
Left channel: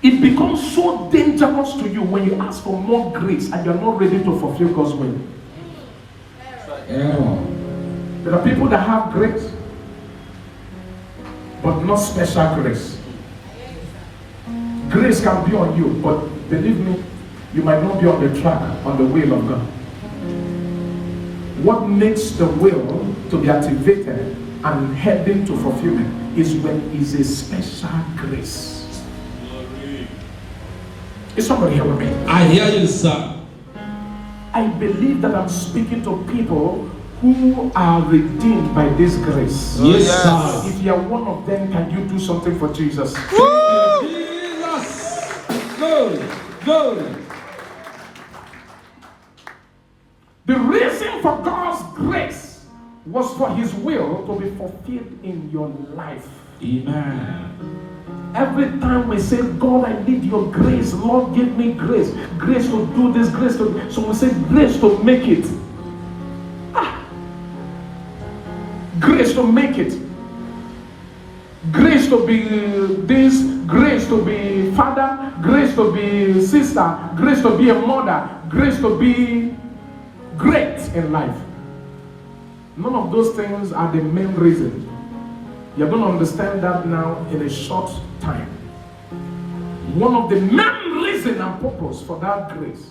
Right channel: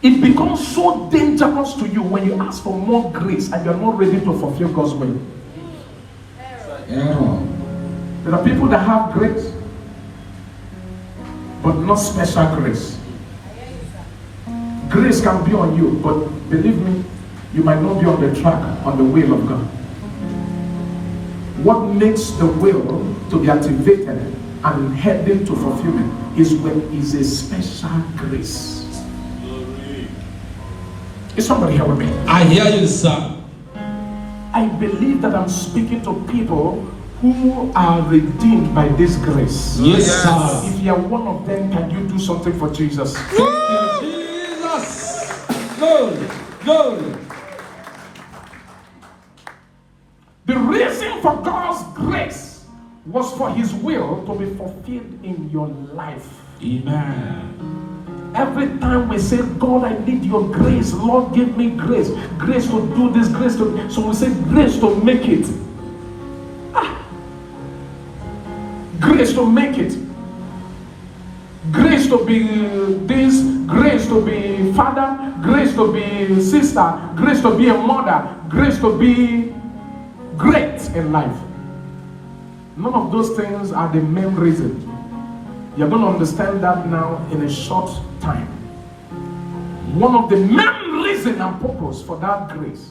It becomes so dangerous to you when you ask for more grace and you're not ready to fulfill God's will. Yeah. There are people that have grace, but not special grace. Grace can be on you, but believe me, you might not be on the track, on the will of God. What makes the will to be activated and heading to fulfillment. His work is a special grace. Is somebody hearing me? I hear you, sir. I believe that I'm speaking to people who are redeemed by this grace. Yes, sir. If you are one of them, can you do something for Jesus? Jesus. Glory, glory. The reason for God's grace was for His will to be fulfilled in your life. Amen. Every time we say, God, I need your grace, Lord, give me grace, grace to do this, grace to, so we say grace to make it. Grace to make it. Grace to be this, grace to be father, grace to be sister, grace to be a mother, grace to be great in life. None of those things are the main reason. You're going to understand that now in a short time. One of the main reason and purpose for that grace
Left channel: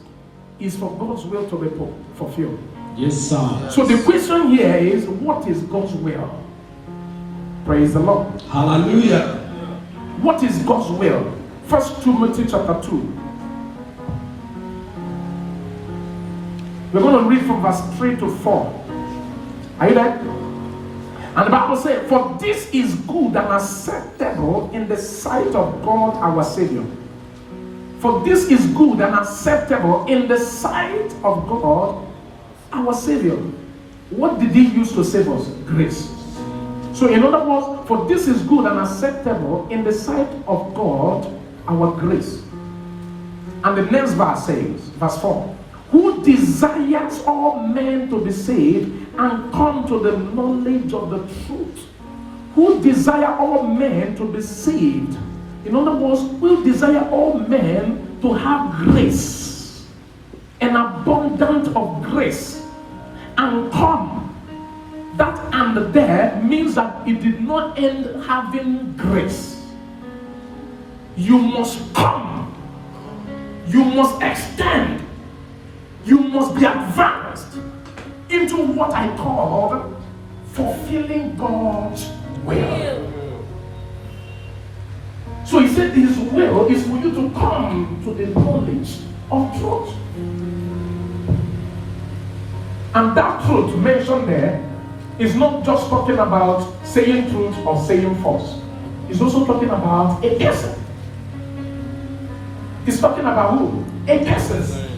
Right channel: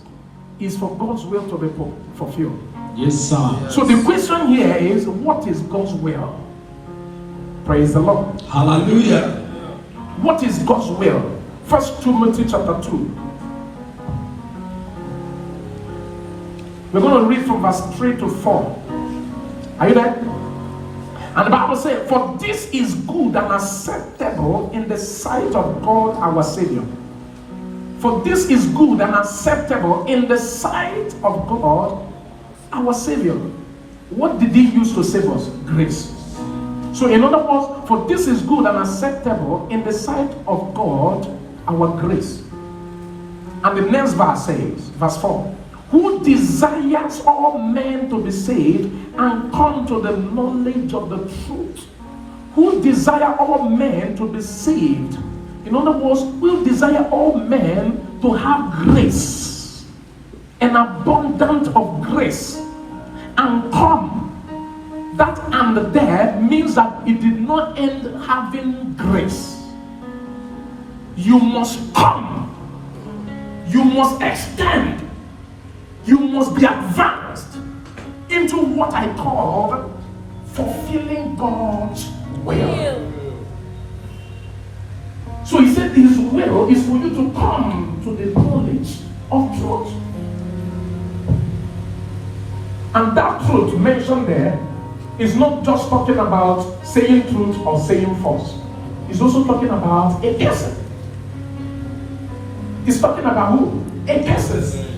is for God's will to be fulfilled. Yes, sir. So the question here is, what is God's will? Praise the Lord. Hallelujah. What is God's will? 1 Timothy chapter 2. We're going to read from verse 3 to 4. Are you there? And the Bible says, for this is good and acceptable in the sight of God our Savior. For this is good and acceptable in the sight of God our Savior. What did He use to save us? Grace. So in other words, for this is good and acceptable in the sight of God our grace. And the next verse says, verse 4, who desires all men to be saved and come to the knowledge of the truth. Who desire all men to be saved. In other words, who desire all men to have grace, an abundance of grace, and come. That and there means that it did not end having grace. You must come. You must extend. You must be advanced into what I call fulfilling God's will. So He said His will is for you to come to the knowledge of truth. And that truth mentioned there is not just talking about saying truth or saying false. It's also talking about a person. It's talking about who? A person.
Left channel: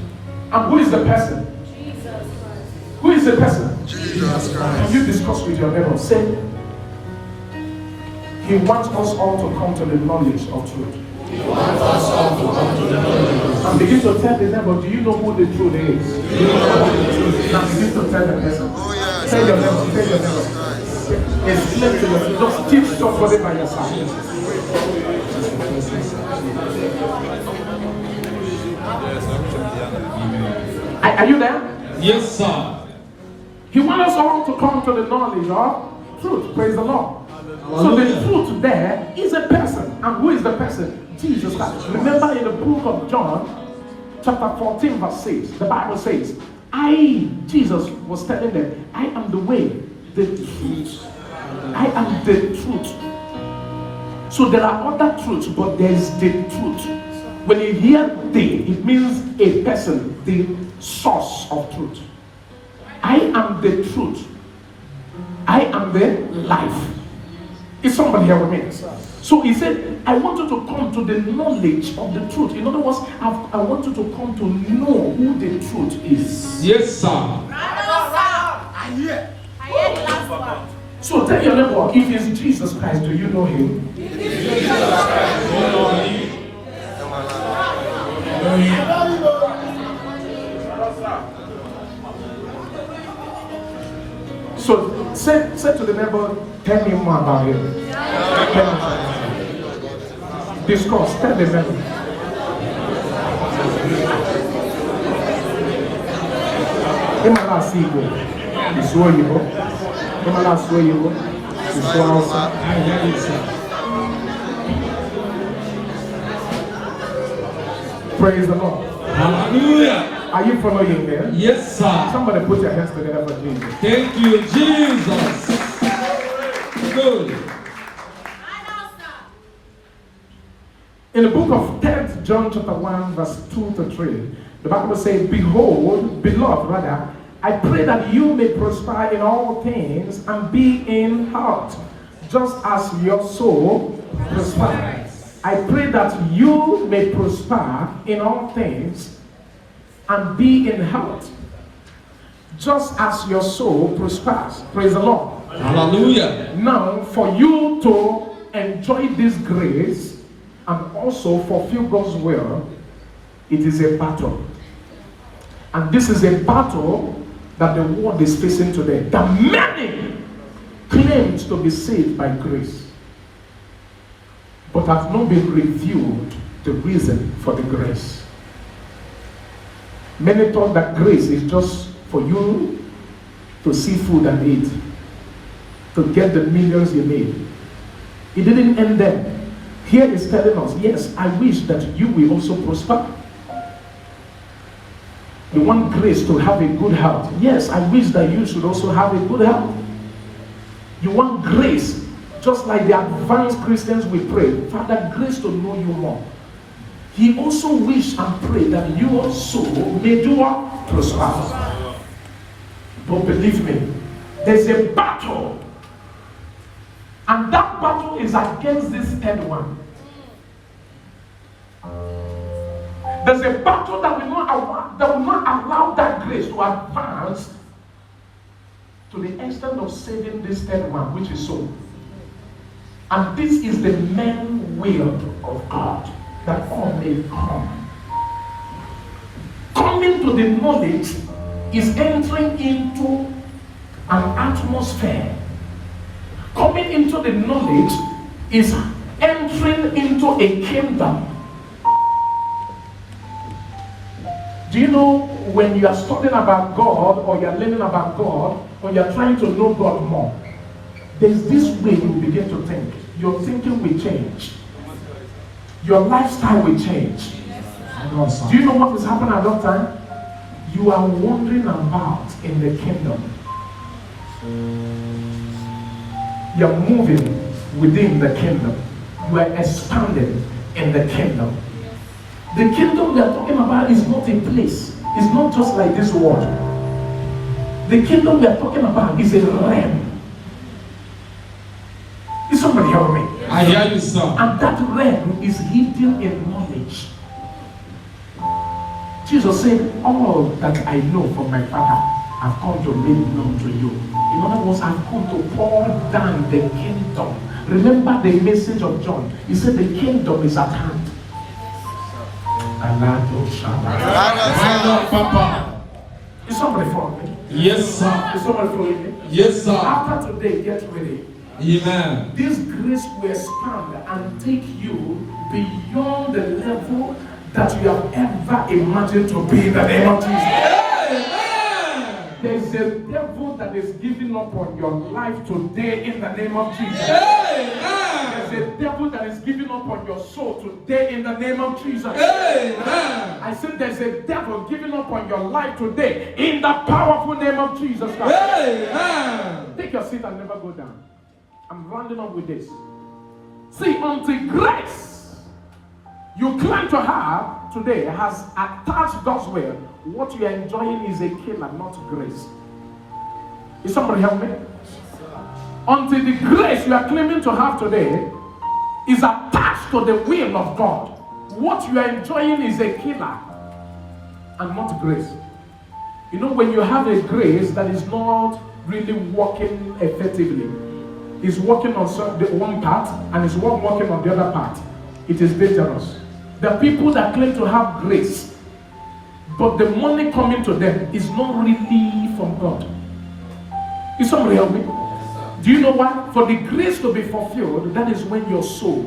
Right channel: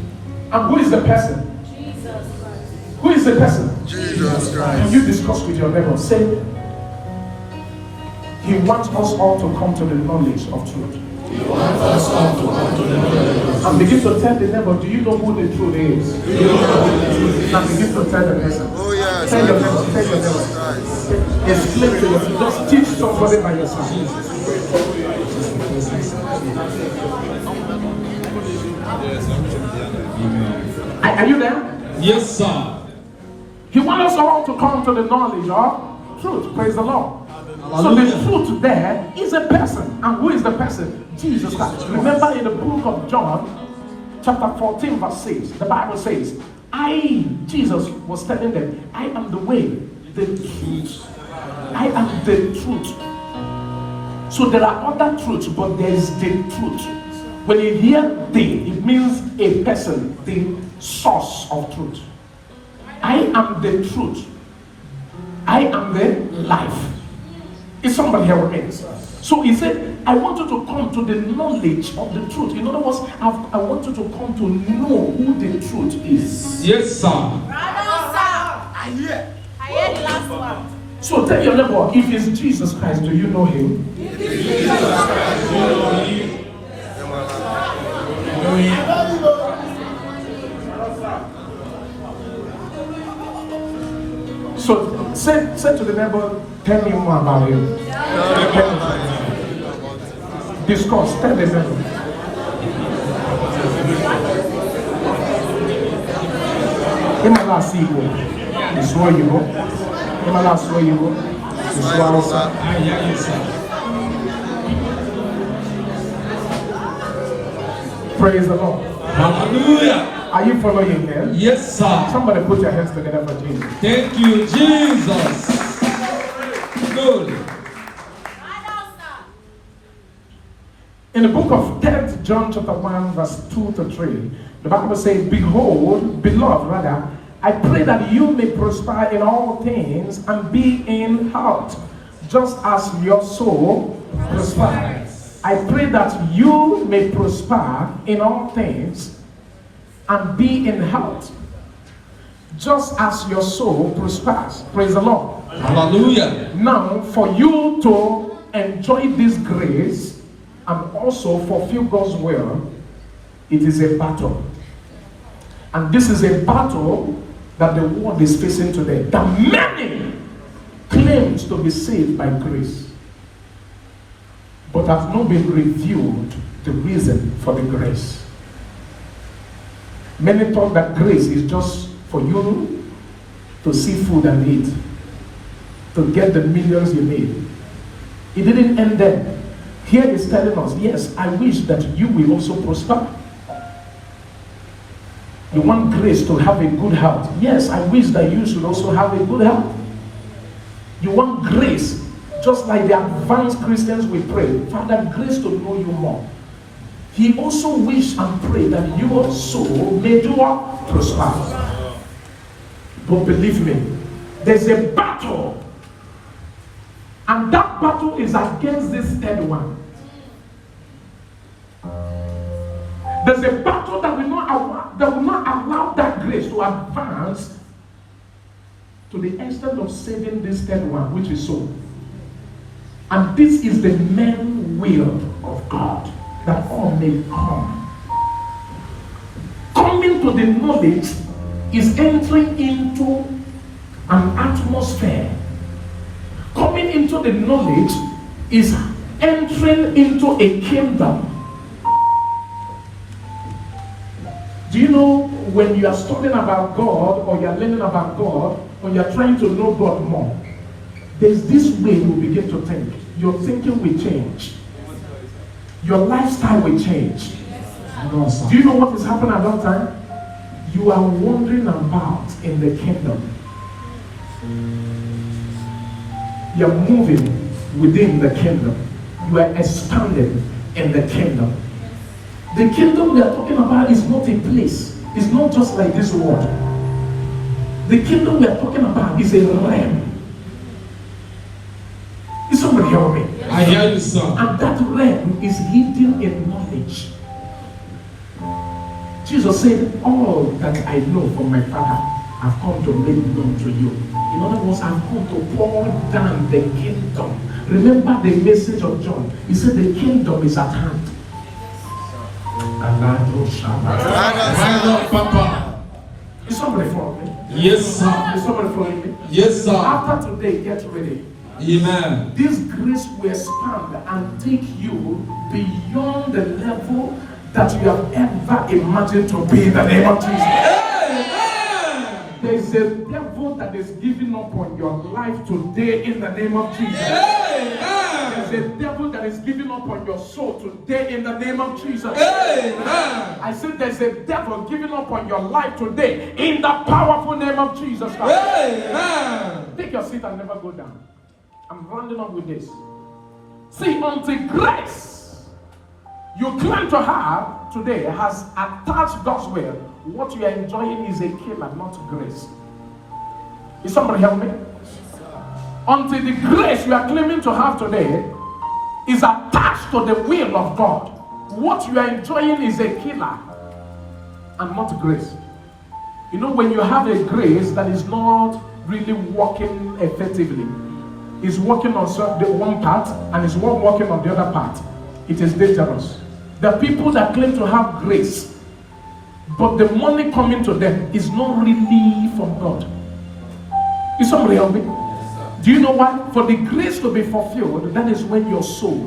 And who is the person? Jesus Christ. Who is the person? Jesus Can Christ. you discuss with your neighbor? Say, He wants us all to come to the knowledge of truth. He wants us all to come to the knowledge of And begin to tell the neighbor, do you know who the truth is? And begin to tell the person. Oh yes, Tell I your know. neighbor, tell your Jesus neighbor. Christ. Explain to your, just teach somebody by your side. Are you there? Yes, sir. He wants us all to come to the knowledge of truth. Praise the Lord. So Hallelujah. the truth there is a person. And who is the person? Jesus Christ. Remember in the book of John, chapter 14, verse 6, the Bible says, Jesus was telling them, I am the way, the truth. I am the truth. So there are other truths, but there is the truth. When you hear the, it means a person, the source of truth. I am the truth. I am the life. Is somebody here with me? So He said, I want you to come to the knowledge of the truth. In other words, I want you to come to know who the truth is. Yes, sir. I hear the last one. So tell your neighbor, if it's Jesus Christ, do you know Him? So say to the neighbor, tell me more about Him. Discuss, tell the neighbor. In my last evening, you saw you know. In my last way, you saw also. I hear you, sir. Praise the Lord. Hallelujah. Are you following here? Yes, sir. Somebody put your hands together for Jesus. Thank you, Jesus. glory. In the book of 10th John chapter 1 verse 2 to 3, the Bible says, behold, beloved rather, I pray that you may prosper in all things and be in health, just as your soul prospers. I pray that you may prosper in all things and be in health, just as your soul prospers. Praise the Lord. Hallelujah. Now, for you to enjoy this grace and also fulfill God's will, it is a battle. And this is a battle that the world is facing today. That many claim to be saved by grace, but have not been revealed the reason for the grace. Many thought that grace is just for you to see food and eat, to get the millions you need. It didn't end there. Here is telling us, yes, I wish that you will also prosper. You want grace to have a good health. Yes, I wish that you should also have a good health. You want grace, just like the advanced Christians we pray, Father, grace to know you more. He also wished and prayed that your soul may do what? Prosper. But believe me, there's a battle. And that battle is against this third one. There's a battle that will not allow that grace to advance to the extent of saving this third one, which is soul. And this is the main will of God, that all may come. Coming to the knowledge is entering into an atmosphere. Coming into the knowledge is entering into a kingdom. Do you know when you are studying about God, or you are learning about God, or you are trying to know God more, there's this way you begin to think. Your thinking will change. Your lifestyle will change. Do you know what is happening at that time? You are wandering about in the kingdom. You are moving within the kingdom. You are expanding in the kingdom. The kingdom we are talking about is not a place. It's not just like this world. The kingdom we are talking about is a realm. Is somebody hearing me? I hear you, sir. And that realm is hidden in knowledge. Jesus said, all that I know from my Father, I've come to make known to you. In other words, I've come to pour down the kingdom. Remember the message of John. He said the kingdom is at hand. Papa. Is somebody following me? Yes, sir. Is somebody following me? Yes, sir. After today, get ready. Amen. This grace will expand and take you beyond the level that you have ever imagined to be in the name of Jesus. Amen. There is a devil that is giving up on your life today in the name of Jesus. Amen. There's a devil that is giving up on your soul today in the name of Jesus. Amen. I said there's a devil giving up on your life today in the powerful name of Jesus Christ. Amen. Take your seat and never go down. I'm rounding up with this. See, until grace you claim to have today has attached God's will, what you are enjoying is a killer, not grace. Is somebody help me? Until the grace you are claiming to have today is attached to the will of God, what you are enjoying is a killer and not grace. You know, when you have a grace that is not really working effectively, it's working on the one part and it's working on the other part, it is dangerous. The people that claim to have grace, but the money coming to them is not really from God. Is somebody help me? Do you know what? For the grace to be fulfilled, that is when your soul,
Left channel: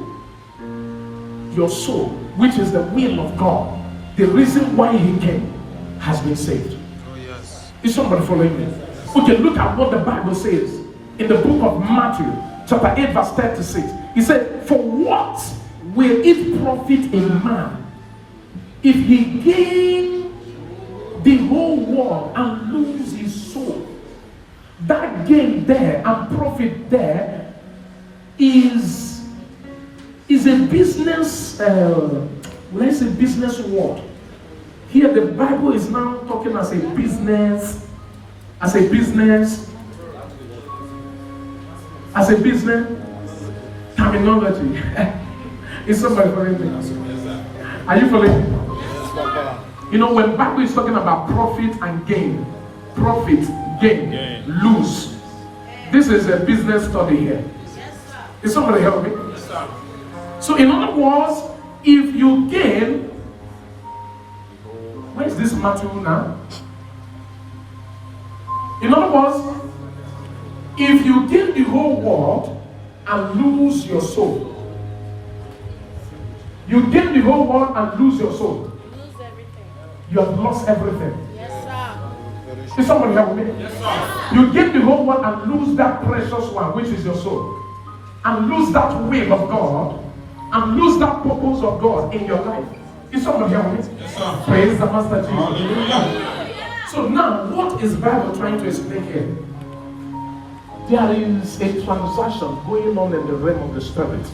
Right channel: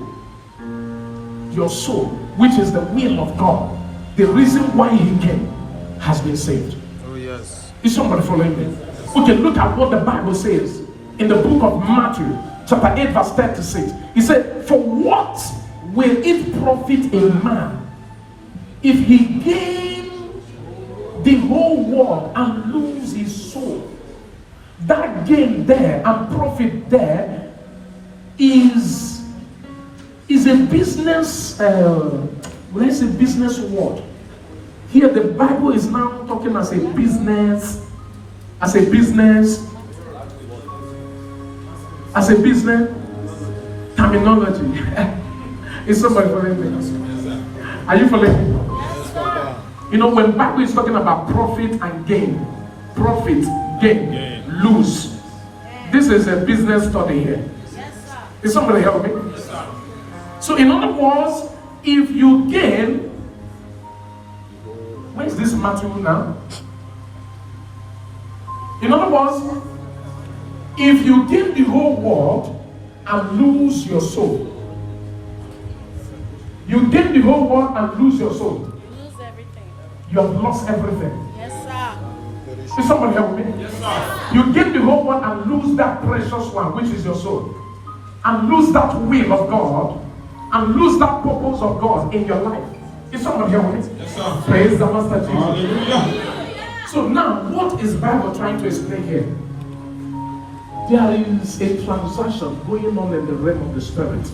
which is the will of God, the reason why he came, has been saved. Oh, yes. Is somebody following me? Okay, look at what the Bible says in the book of Matthew, chapter 8, verse 36. He said, for what will it profit a man if he gain the whole world and lose his soul? That gain there and profit there is a business, when I say business word, here the Bible is now talking as a business terminology. Is somebody following me? Are you following me? You know, when Bible is talking about profit and gain, lose. This is a business study here. Is somebody helping me? So in other words, if you gain, where's this Matthew now? In other words, if you gain the whole world and lose your soul, you gain the whole world and lose your soul, you have lost everything. Is someone help me? Yes, sir. You gain the whole world and lose that precious one, which is your soul, and lose that will of God, and lose that purpose of God in your life. Is someone help me? Yes, sir. Praise the Master Jesus. Hallelujah. So now, what is Bible trying to explain here? There is a transaction going on in the realm of the spirit.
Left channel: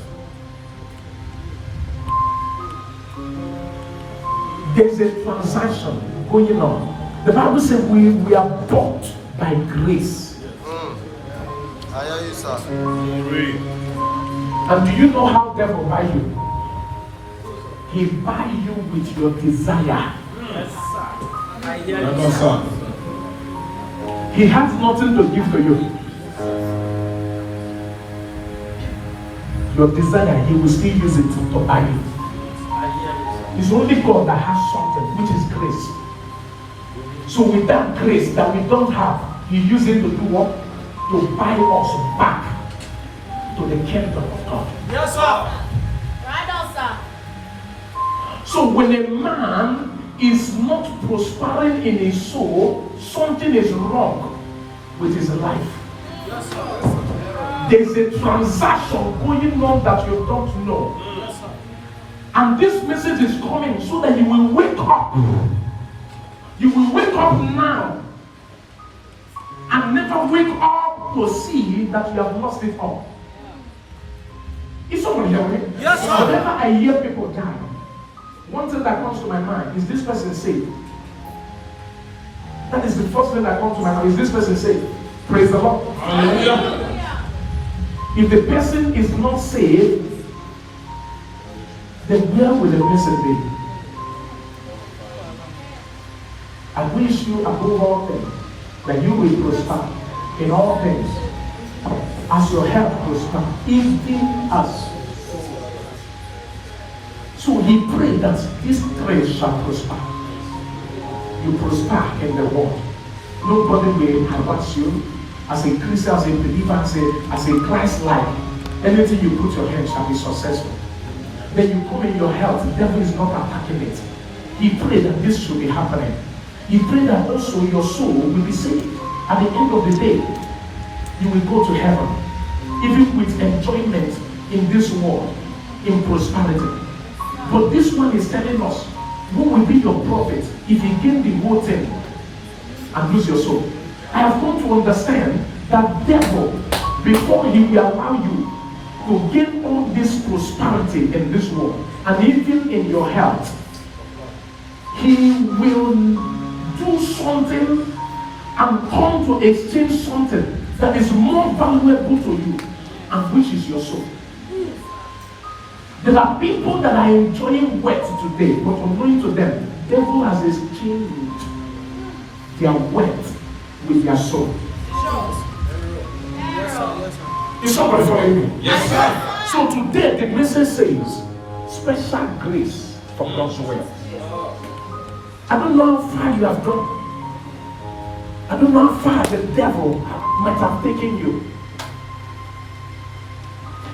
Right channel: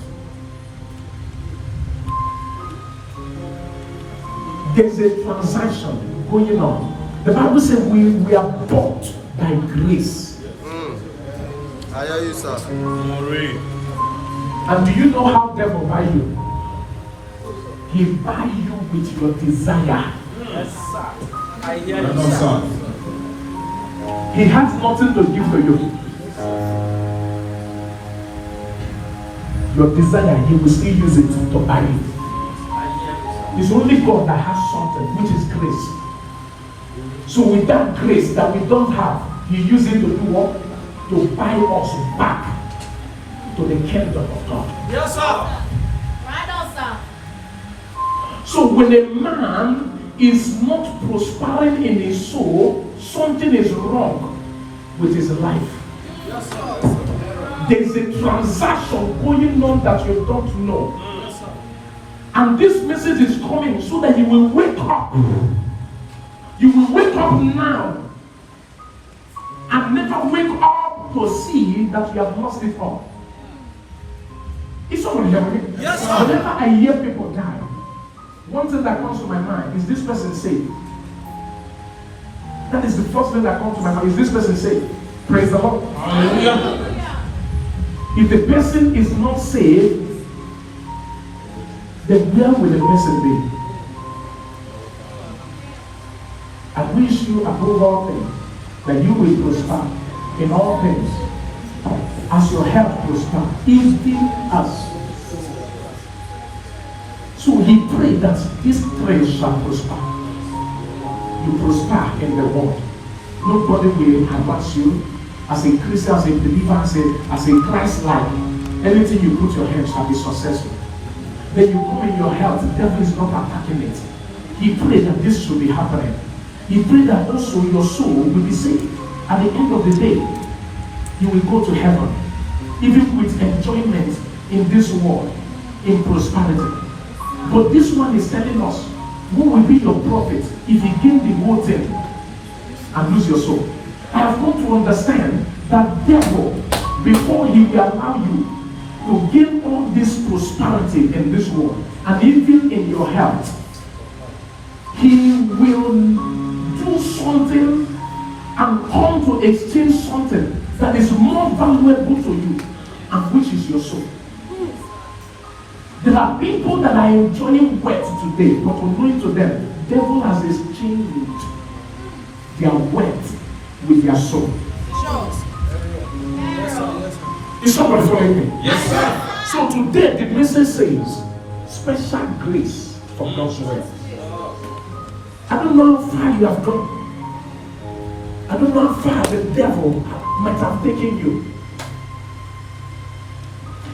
There's a transaction going on. The Bible says we are bought by grace. And do you know how the devil buy you? He buy you with your desire. Yes, sir. He has nothing to give to you. Your desire, he will still use it to buy you. It's only God that has something, which is grace. So with that grace that we don't have, he uses it to do what? To buy us back to the kingdom of God. Yes, sir. Right on, sir. So when a man is not prospering in his soul, something is wrong with his life. Yes, sir. There is a transaction going on that you don't know. Yes, sir. And this message is coming so that you will wake up. You will wake up now and never wake up to see that you have lost it all. Is someone hearing? Yes, sir. Whenever I hear people die, one thing that comes to my mind is this person saved. That is the first thing that comes to my mind. Is this person saved? Praise the Lord. Hallelujah. If the person is not saved, then where will the person be? I wish you above all things that you will prosper in all things as your health prosper, even us. So he prayed that this grace shall prosper. You prosper in the world. Nobody will harass you as a Christian, as a believer, as a Christ-like. Anything you put your hand shall be successful. Then you come in your health, the devil is not attacking it. He prayed that this should be happening. He prayed that also your soul will be saved. At the end of the day, you will go to heaven, even with enjoyment in this world, in prosperity. But this one is telling us, who will be your prophet if he gain the whole thing and lose your soul? I have come to understand that devil, before he will allow you to gain all this prosperity in this world, and even in your health, he will do something and come to exchange something that is more valuable to you, and which is your soul. There are people that are enjoying wealth today, but unknowing to them, the devil has exchanged their wealth with their soul. Is somebody following me? Yes, sir. So today the message says, special grace from God's word. I don't know how far you have gone. I don't know how far the devil might have taken you.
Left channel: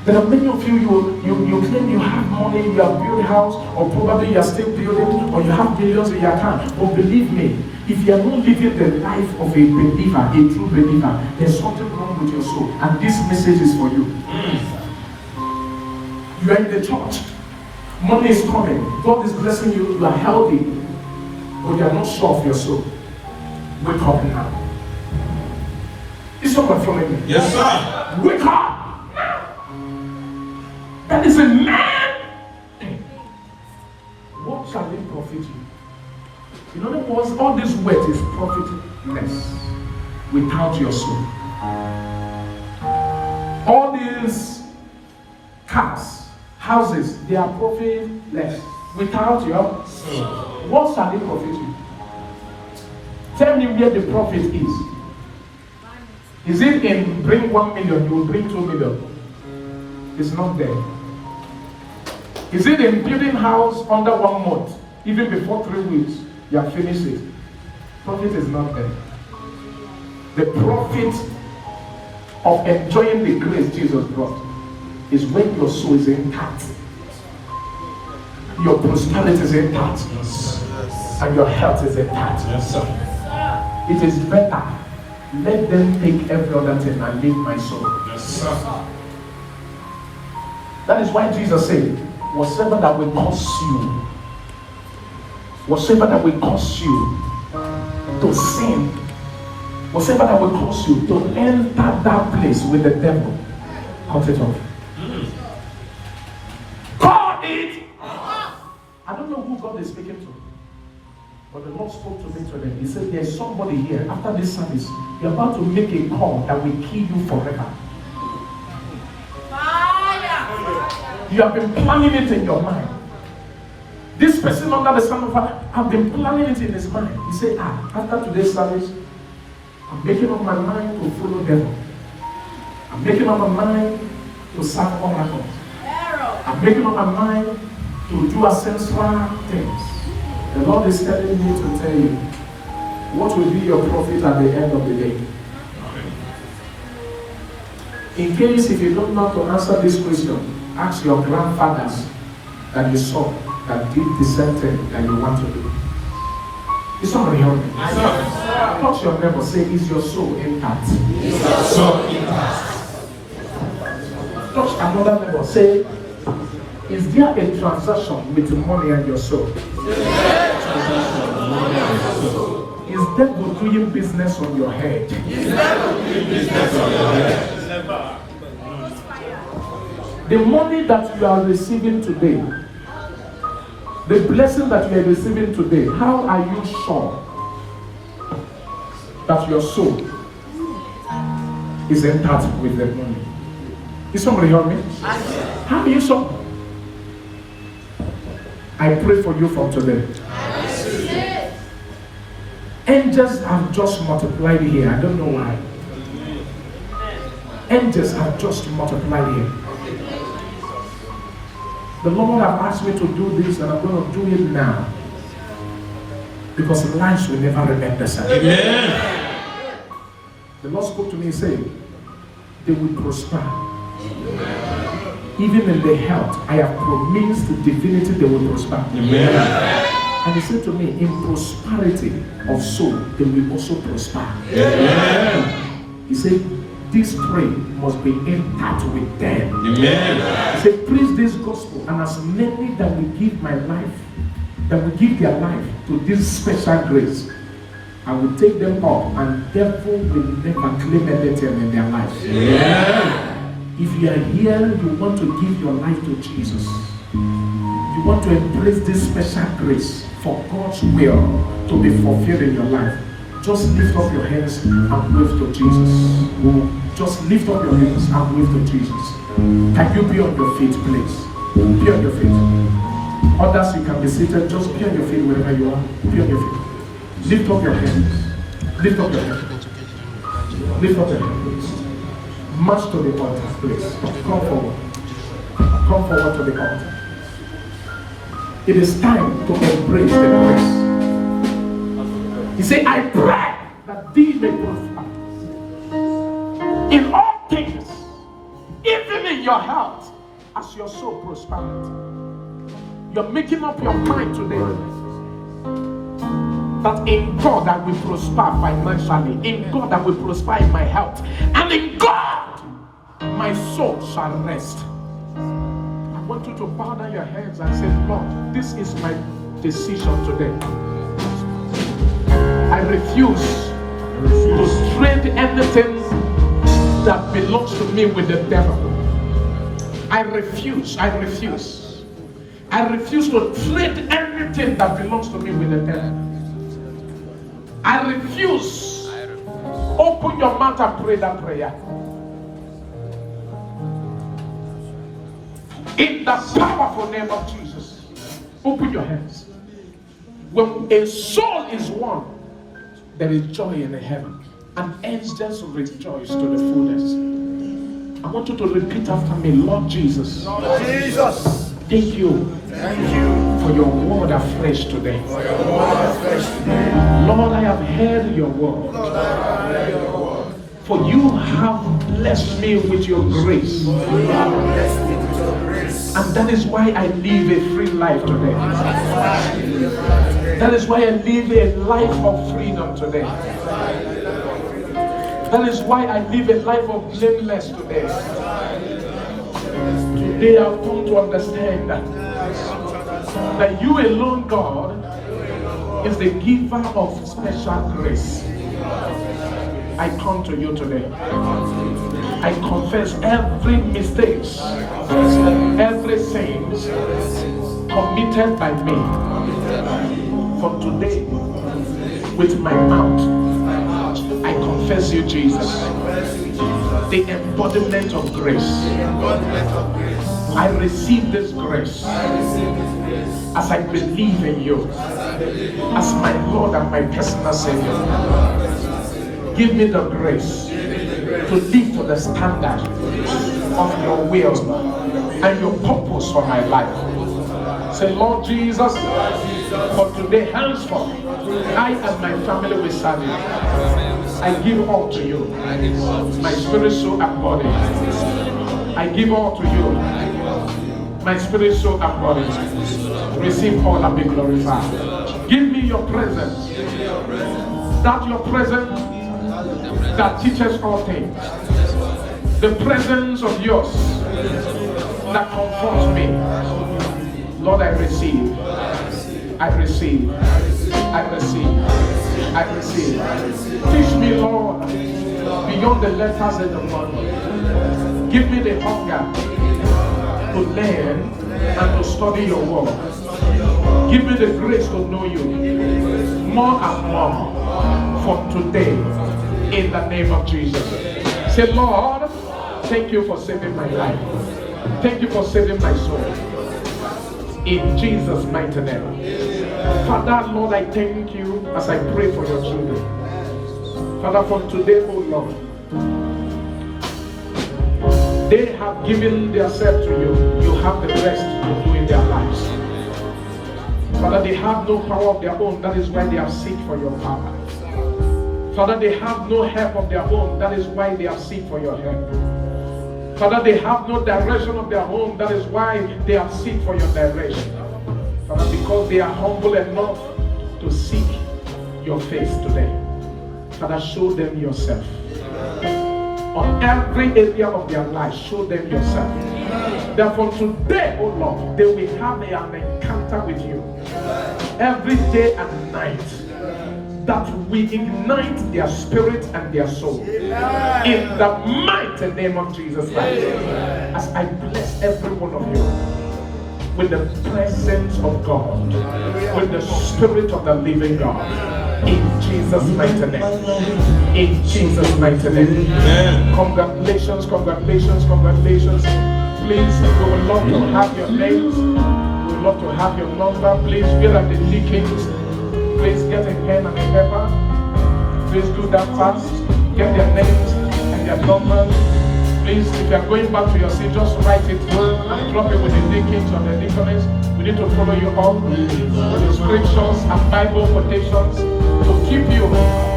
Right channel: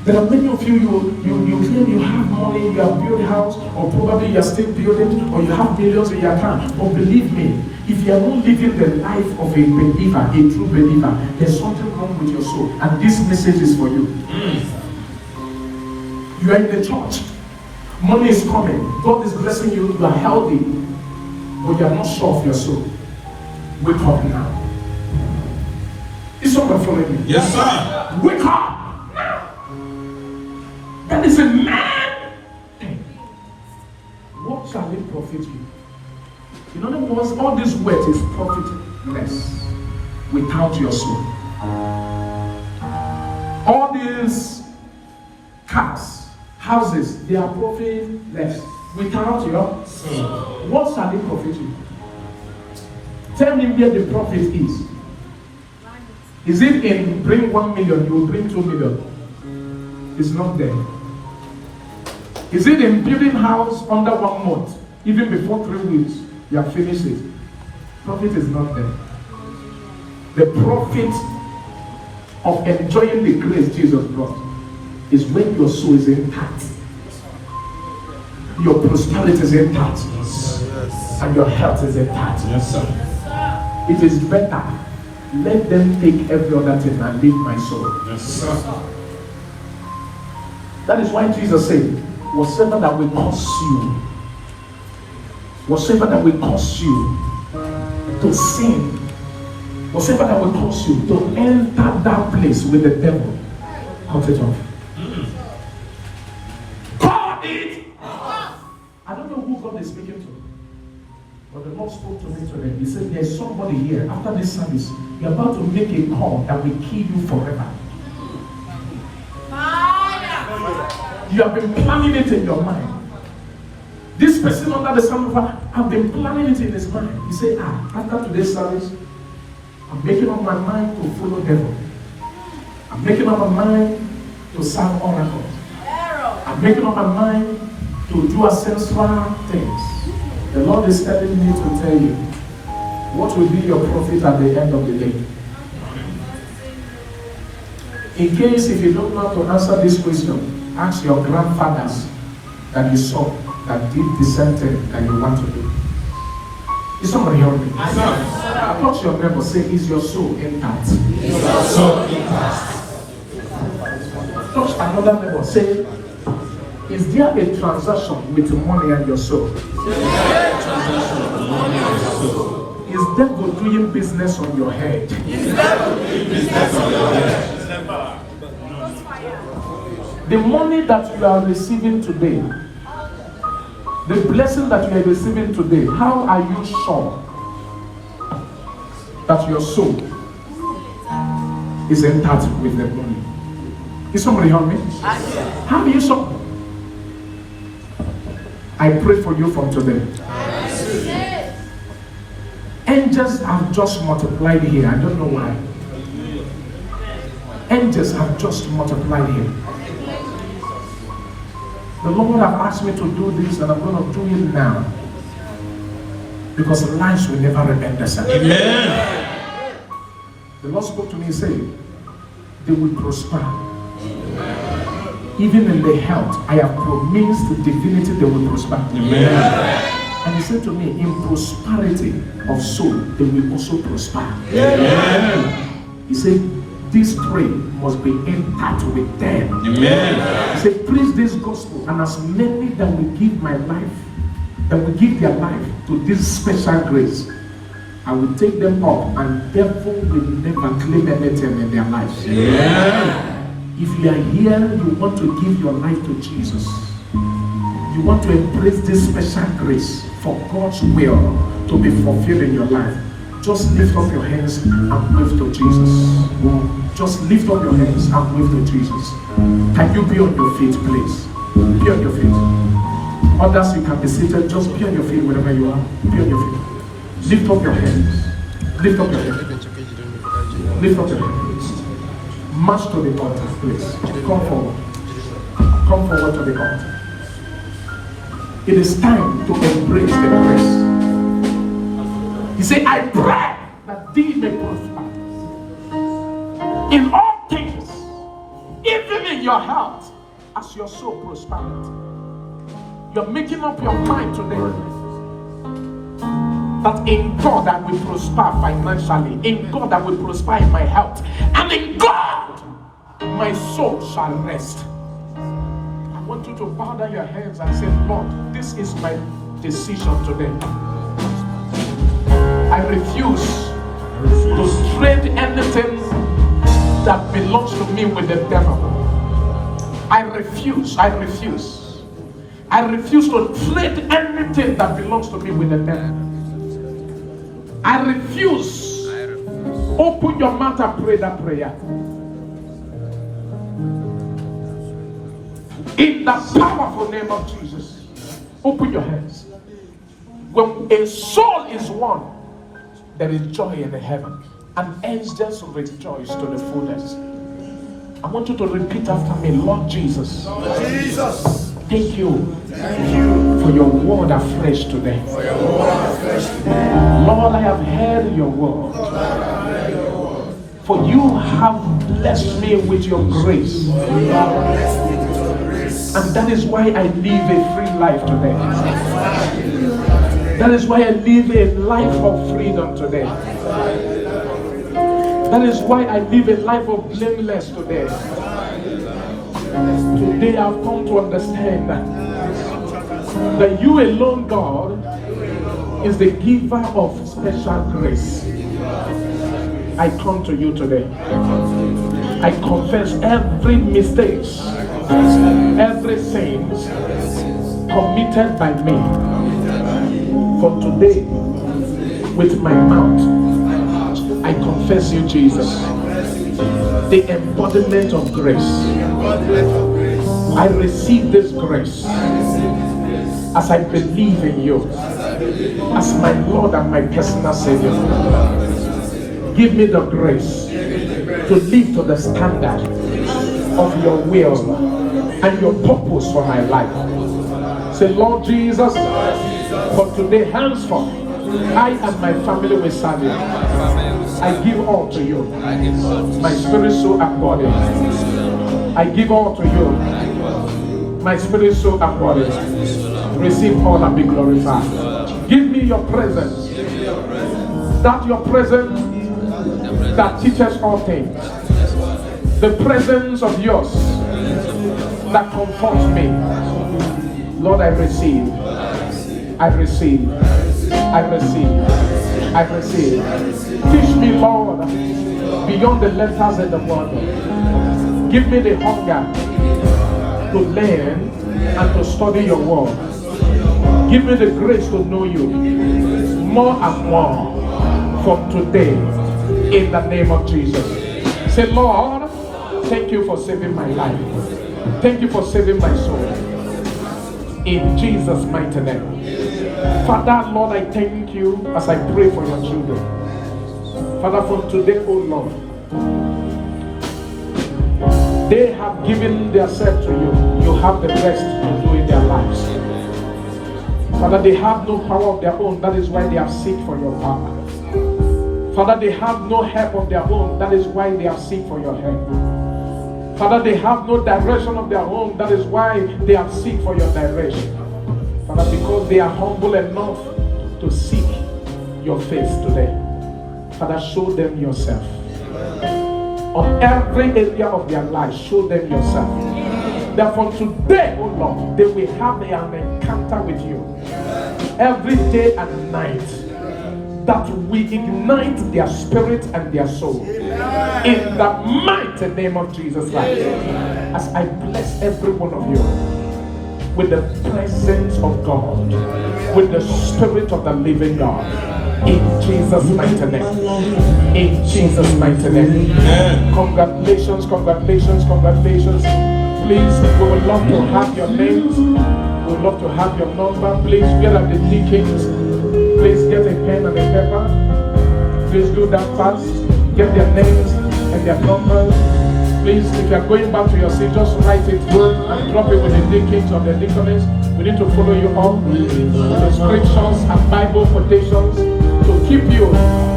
There are many of you claim you have money, you have built a house, or probably you are still building, or you have millions in your account. But believe me, if you are not living the life of a believer, a true believer, there's something wrong with your soul. And this message is for you. You are in the church. Money is coming. God is blessing you. You are healthy. But you are not sure of your soul. Wake up now. Is someone following me? Yes, sir. Wake up now. That is a man. What shall it profit you? In other words, all this wealth is profitless without your soul. All these cars, houses, they are profitless without your soul. What shall it profit you? Tell me where the profit is. Is it in bring 1 million, you will bring 2 million? It's not there. Is it in building house under 1 month? Even before 3 weeks, you have finished it. Profit is not there. The profit of enjoying the grace Jesus brought is when your soul is intact, your prosperity is intact, and your health is intact. It is better. Let them take every other thing and leave my soul. That is why Jesus said, whatsoever that will cause you, whatsoever that will cause you to sin, whatsoever that will cause you to enter that place with the devil, cut it off. Call it. I don't know who God is speaking to, but the Lord spoke to me today. He said, there's somebody here after this service, you're about to make a call that will kill you forever. You have been planning it in your mind. This person under the sound of her have been planning it in his mind. He said, after today's service, I'm making up my mind to follow devil. I'm making up my mind to serve oracles. I'm making up my mind to do ancestral things. The Lord is telling me to tell you what will be your profit at the end of the day. In case if you don't know to answer this question, ask your grandfathers that you saw that did the same thing that you want to do. Is somebody hearing me? I thought your neighbor say, is your soul intact? Is your soul intact? Touch another neighbor, say, is there a transaction with money and your soul? Is devil doing business on your head? The money that you are receiving today, the blessing that you are receiving today, how are you sure that your soul is intact with the money? Is somebody hearing me? How are you sure? I pray for you from today. Angels have just multiplied here. I don't know why. Angels have just multiplied here. The Lord have asked me to do this, and I'm going to do it now. Because lives will never remain the same. Amen. The Lord spoke to me and said, they will prosper. Even in the health, I have promised the divinity they will prosper. Amen. And he said to me, in prosperity of soul, they will also prosper. Amen. He said, these three must be intact with them. Amen. He said, preach this gospel, and as many that will give my life, that will give their life to this special grace, I will take them up, and devil will never claim anything in their lives. Yeah. If you are here, you want to give your life to Jesus. You want to embrace this special grace for God's will to be fulfilled in your life. Just lift up your hands and wave to Jesus. Just lift up your hands and wave to Jesus. Can you be on your feet, please? Be on your feet. Others, you can be seated. Just be on your feet wherever you are. Be on your feet. Lift up your hands. Lift up your hands. Lift up your hands. March to the altar, please. Come forward. Come forward to the altar. It is time to embrace the grace. He said, I pray that thee may prosper in all things, even in your health, as your soul prospers. You're making up your mind today that in God I will prosper financially, in God I will prosper in my health, and in God my soul shall rest. I want you to bow down your heads and say, Lord, this is my decision today. I refuse to trade anything that belongs to me with the devil. I refuse. I refuse. I refuse to trade anything that belongs to me with the devil. I refuse. Open your mouth and pray that prayer. In the powerful name of Jesus. Open your hands. When a soul is won, there is joy in the heaven. And angels rejoice to the fullest. I want you to repeat after me. Lord Jesus. Lord Jesus. Thank you for your word afresh today. Lord, I have heard your word. For you have blessed me with your grace. And that is why I live a free life today. That is why I live a life of freedom today. That is why I live a life of blameless today. Today I've come to understand that you alone, God, is the giver of special grace. I come to you today. I confess every mistake, every sin committed by me. From today, with my mouth, I confess you, Jesus, the embodiment of grace. I receive this grace as I believe in you as my Lord and my personal Savior. Give me the grace to live to the standard of your will and your purpose for my life. Say, Lord Jesus, for today henceforth, I and my family will serve you. I give all to you, my spirit, soul, and body. I give all to you, my spirit, soul, and body. Receive all and be glorified. Give me your presence, that your presence that teaches all things. The presence of yours that comforts me. Lord, I receive. I receive. I receive. I receive. Teach me, Lord, beyond the letters in the Bible. Give me the hunger to learn and to study your word. Give me the grace to know you more and more from today in the name of Jesus. Say, Lord, thank you for saving my life. Thank you for saving my soul. In Jesus' mighty name. Father, Lord, I thank you as I pray for your children. Father, from today, oh Lord, they have given themselves to you. You have the rest to do in their lives. Father, they have no power of their own. That is why they have seek for your power. Father, they have no help of their own. That is why they have seek for your help. Father, they have no direction of their own. That is why they have seek for your direction. Father, because they are humble enough to seek your face today. Father, show them yourself. On every area of their life, show them yourself. That from today, oh Lord, they will have an encounter with you. Every day and night. That we ignite their spirit and their soul. In the mighty name of Jesus Christ. As I bless every one of you with the presence of God, with the spirit of the living God. In Jesus' mighty name. In Jesus' mighty name. Congratulations, congratulations, congratulations. Please, we would love to have your names. We would love to have your number. Please get at the tickets. Please get a pen and a paper. Please do that fast. Get their names and their numbers. Please, if you are going back to your seat, just write it and drop it with the deacons or the deaconess. We need to follow you up with the scriptures and Bible quotations to keep you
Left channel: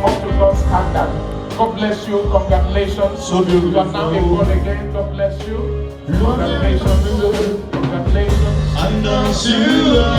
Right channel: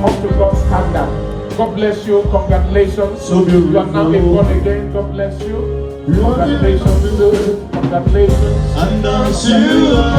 up to God's standard. God bless you. Congratulations. You are now a born again. God bless you. Congratulations. Congratulations. And I see you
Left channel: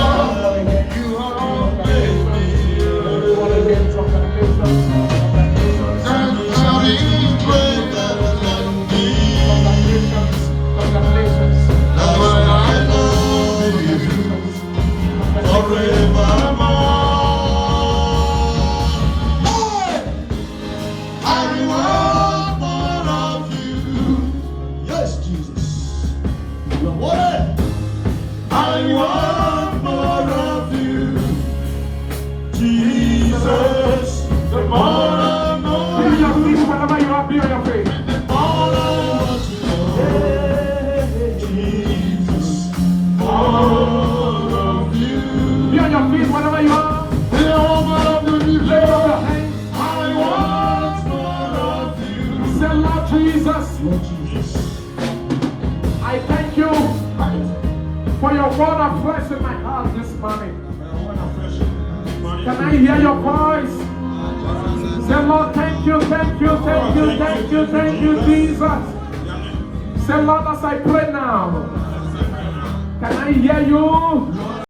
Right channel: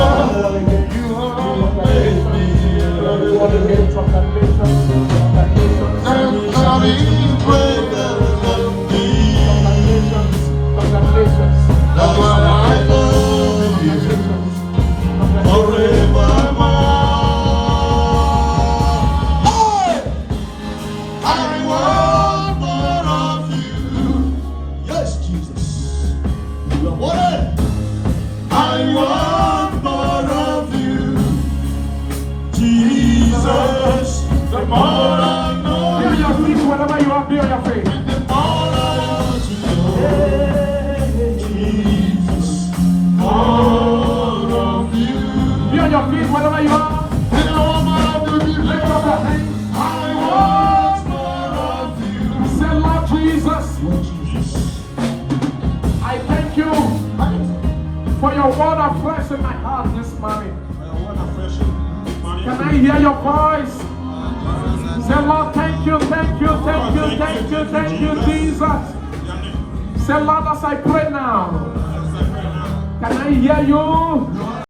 I thank you for your word of flesh in my heart this morning. Can I hear your voice? Say, Lord, thank you, thank you, thank you, thank you, thank you, Jesus. Say, Lord, as I pray now, can I hear you?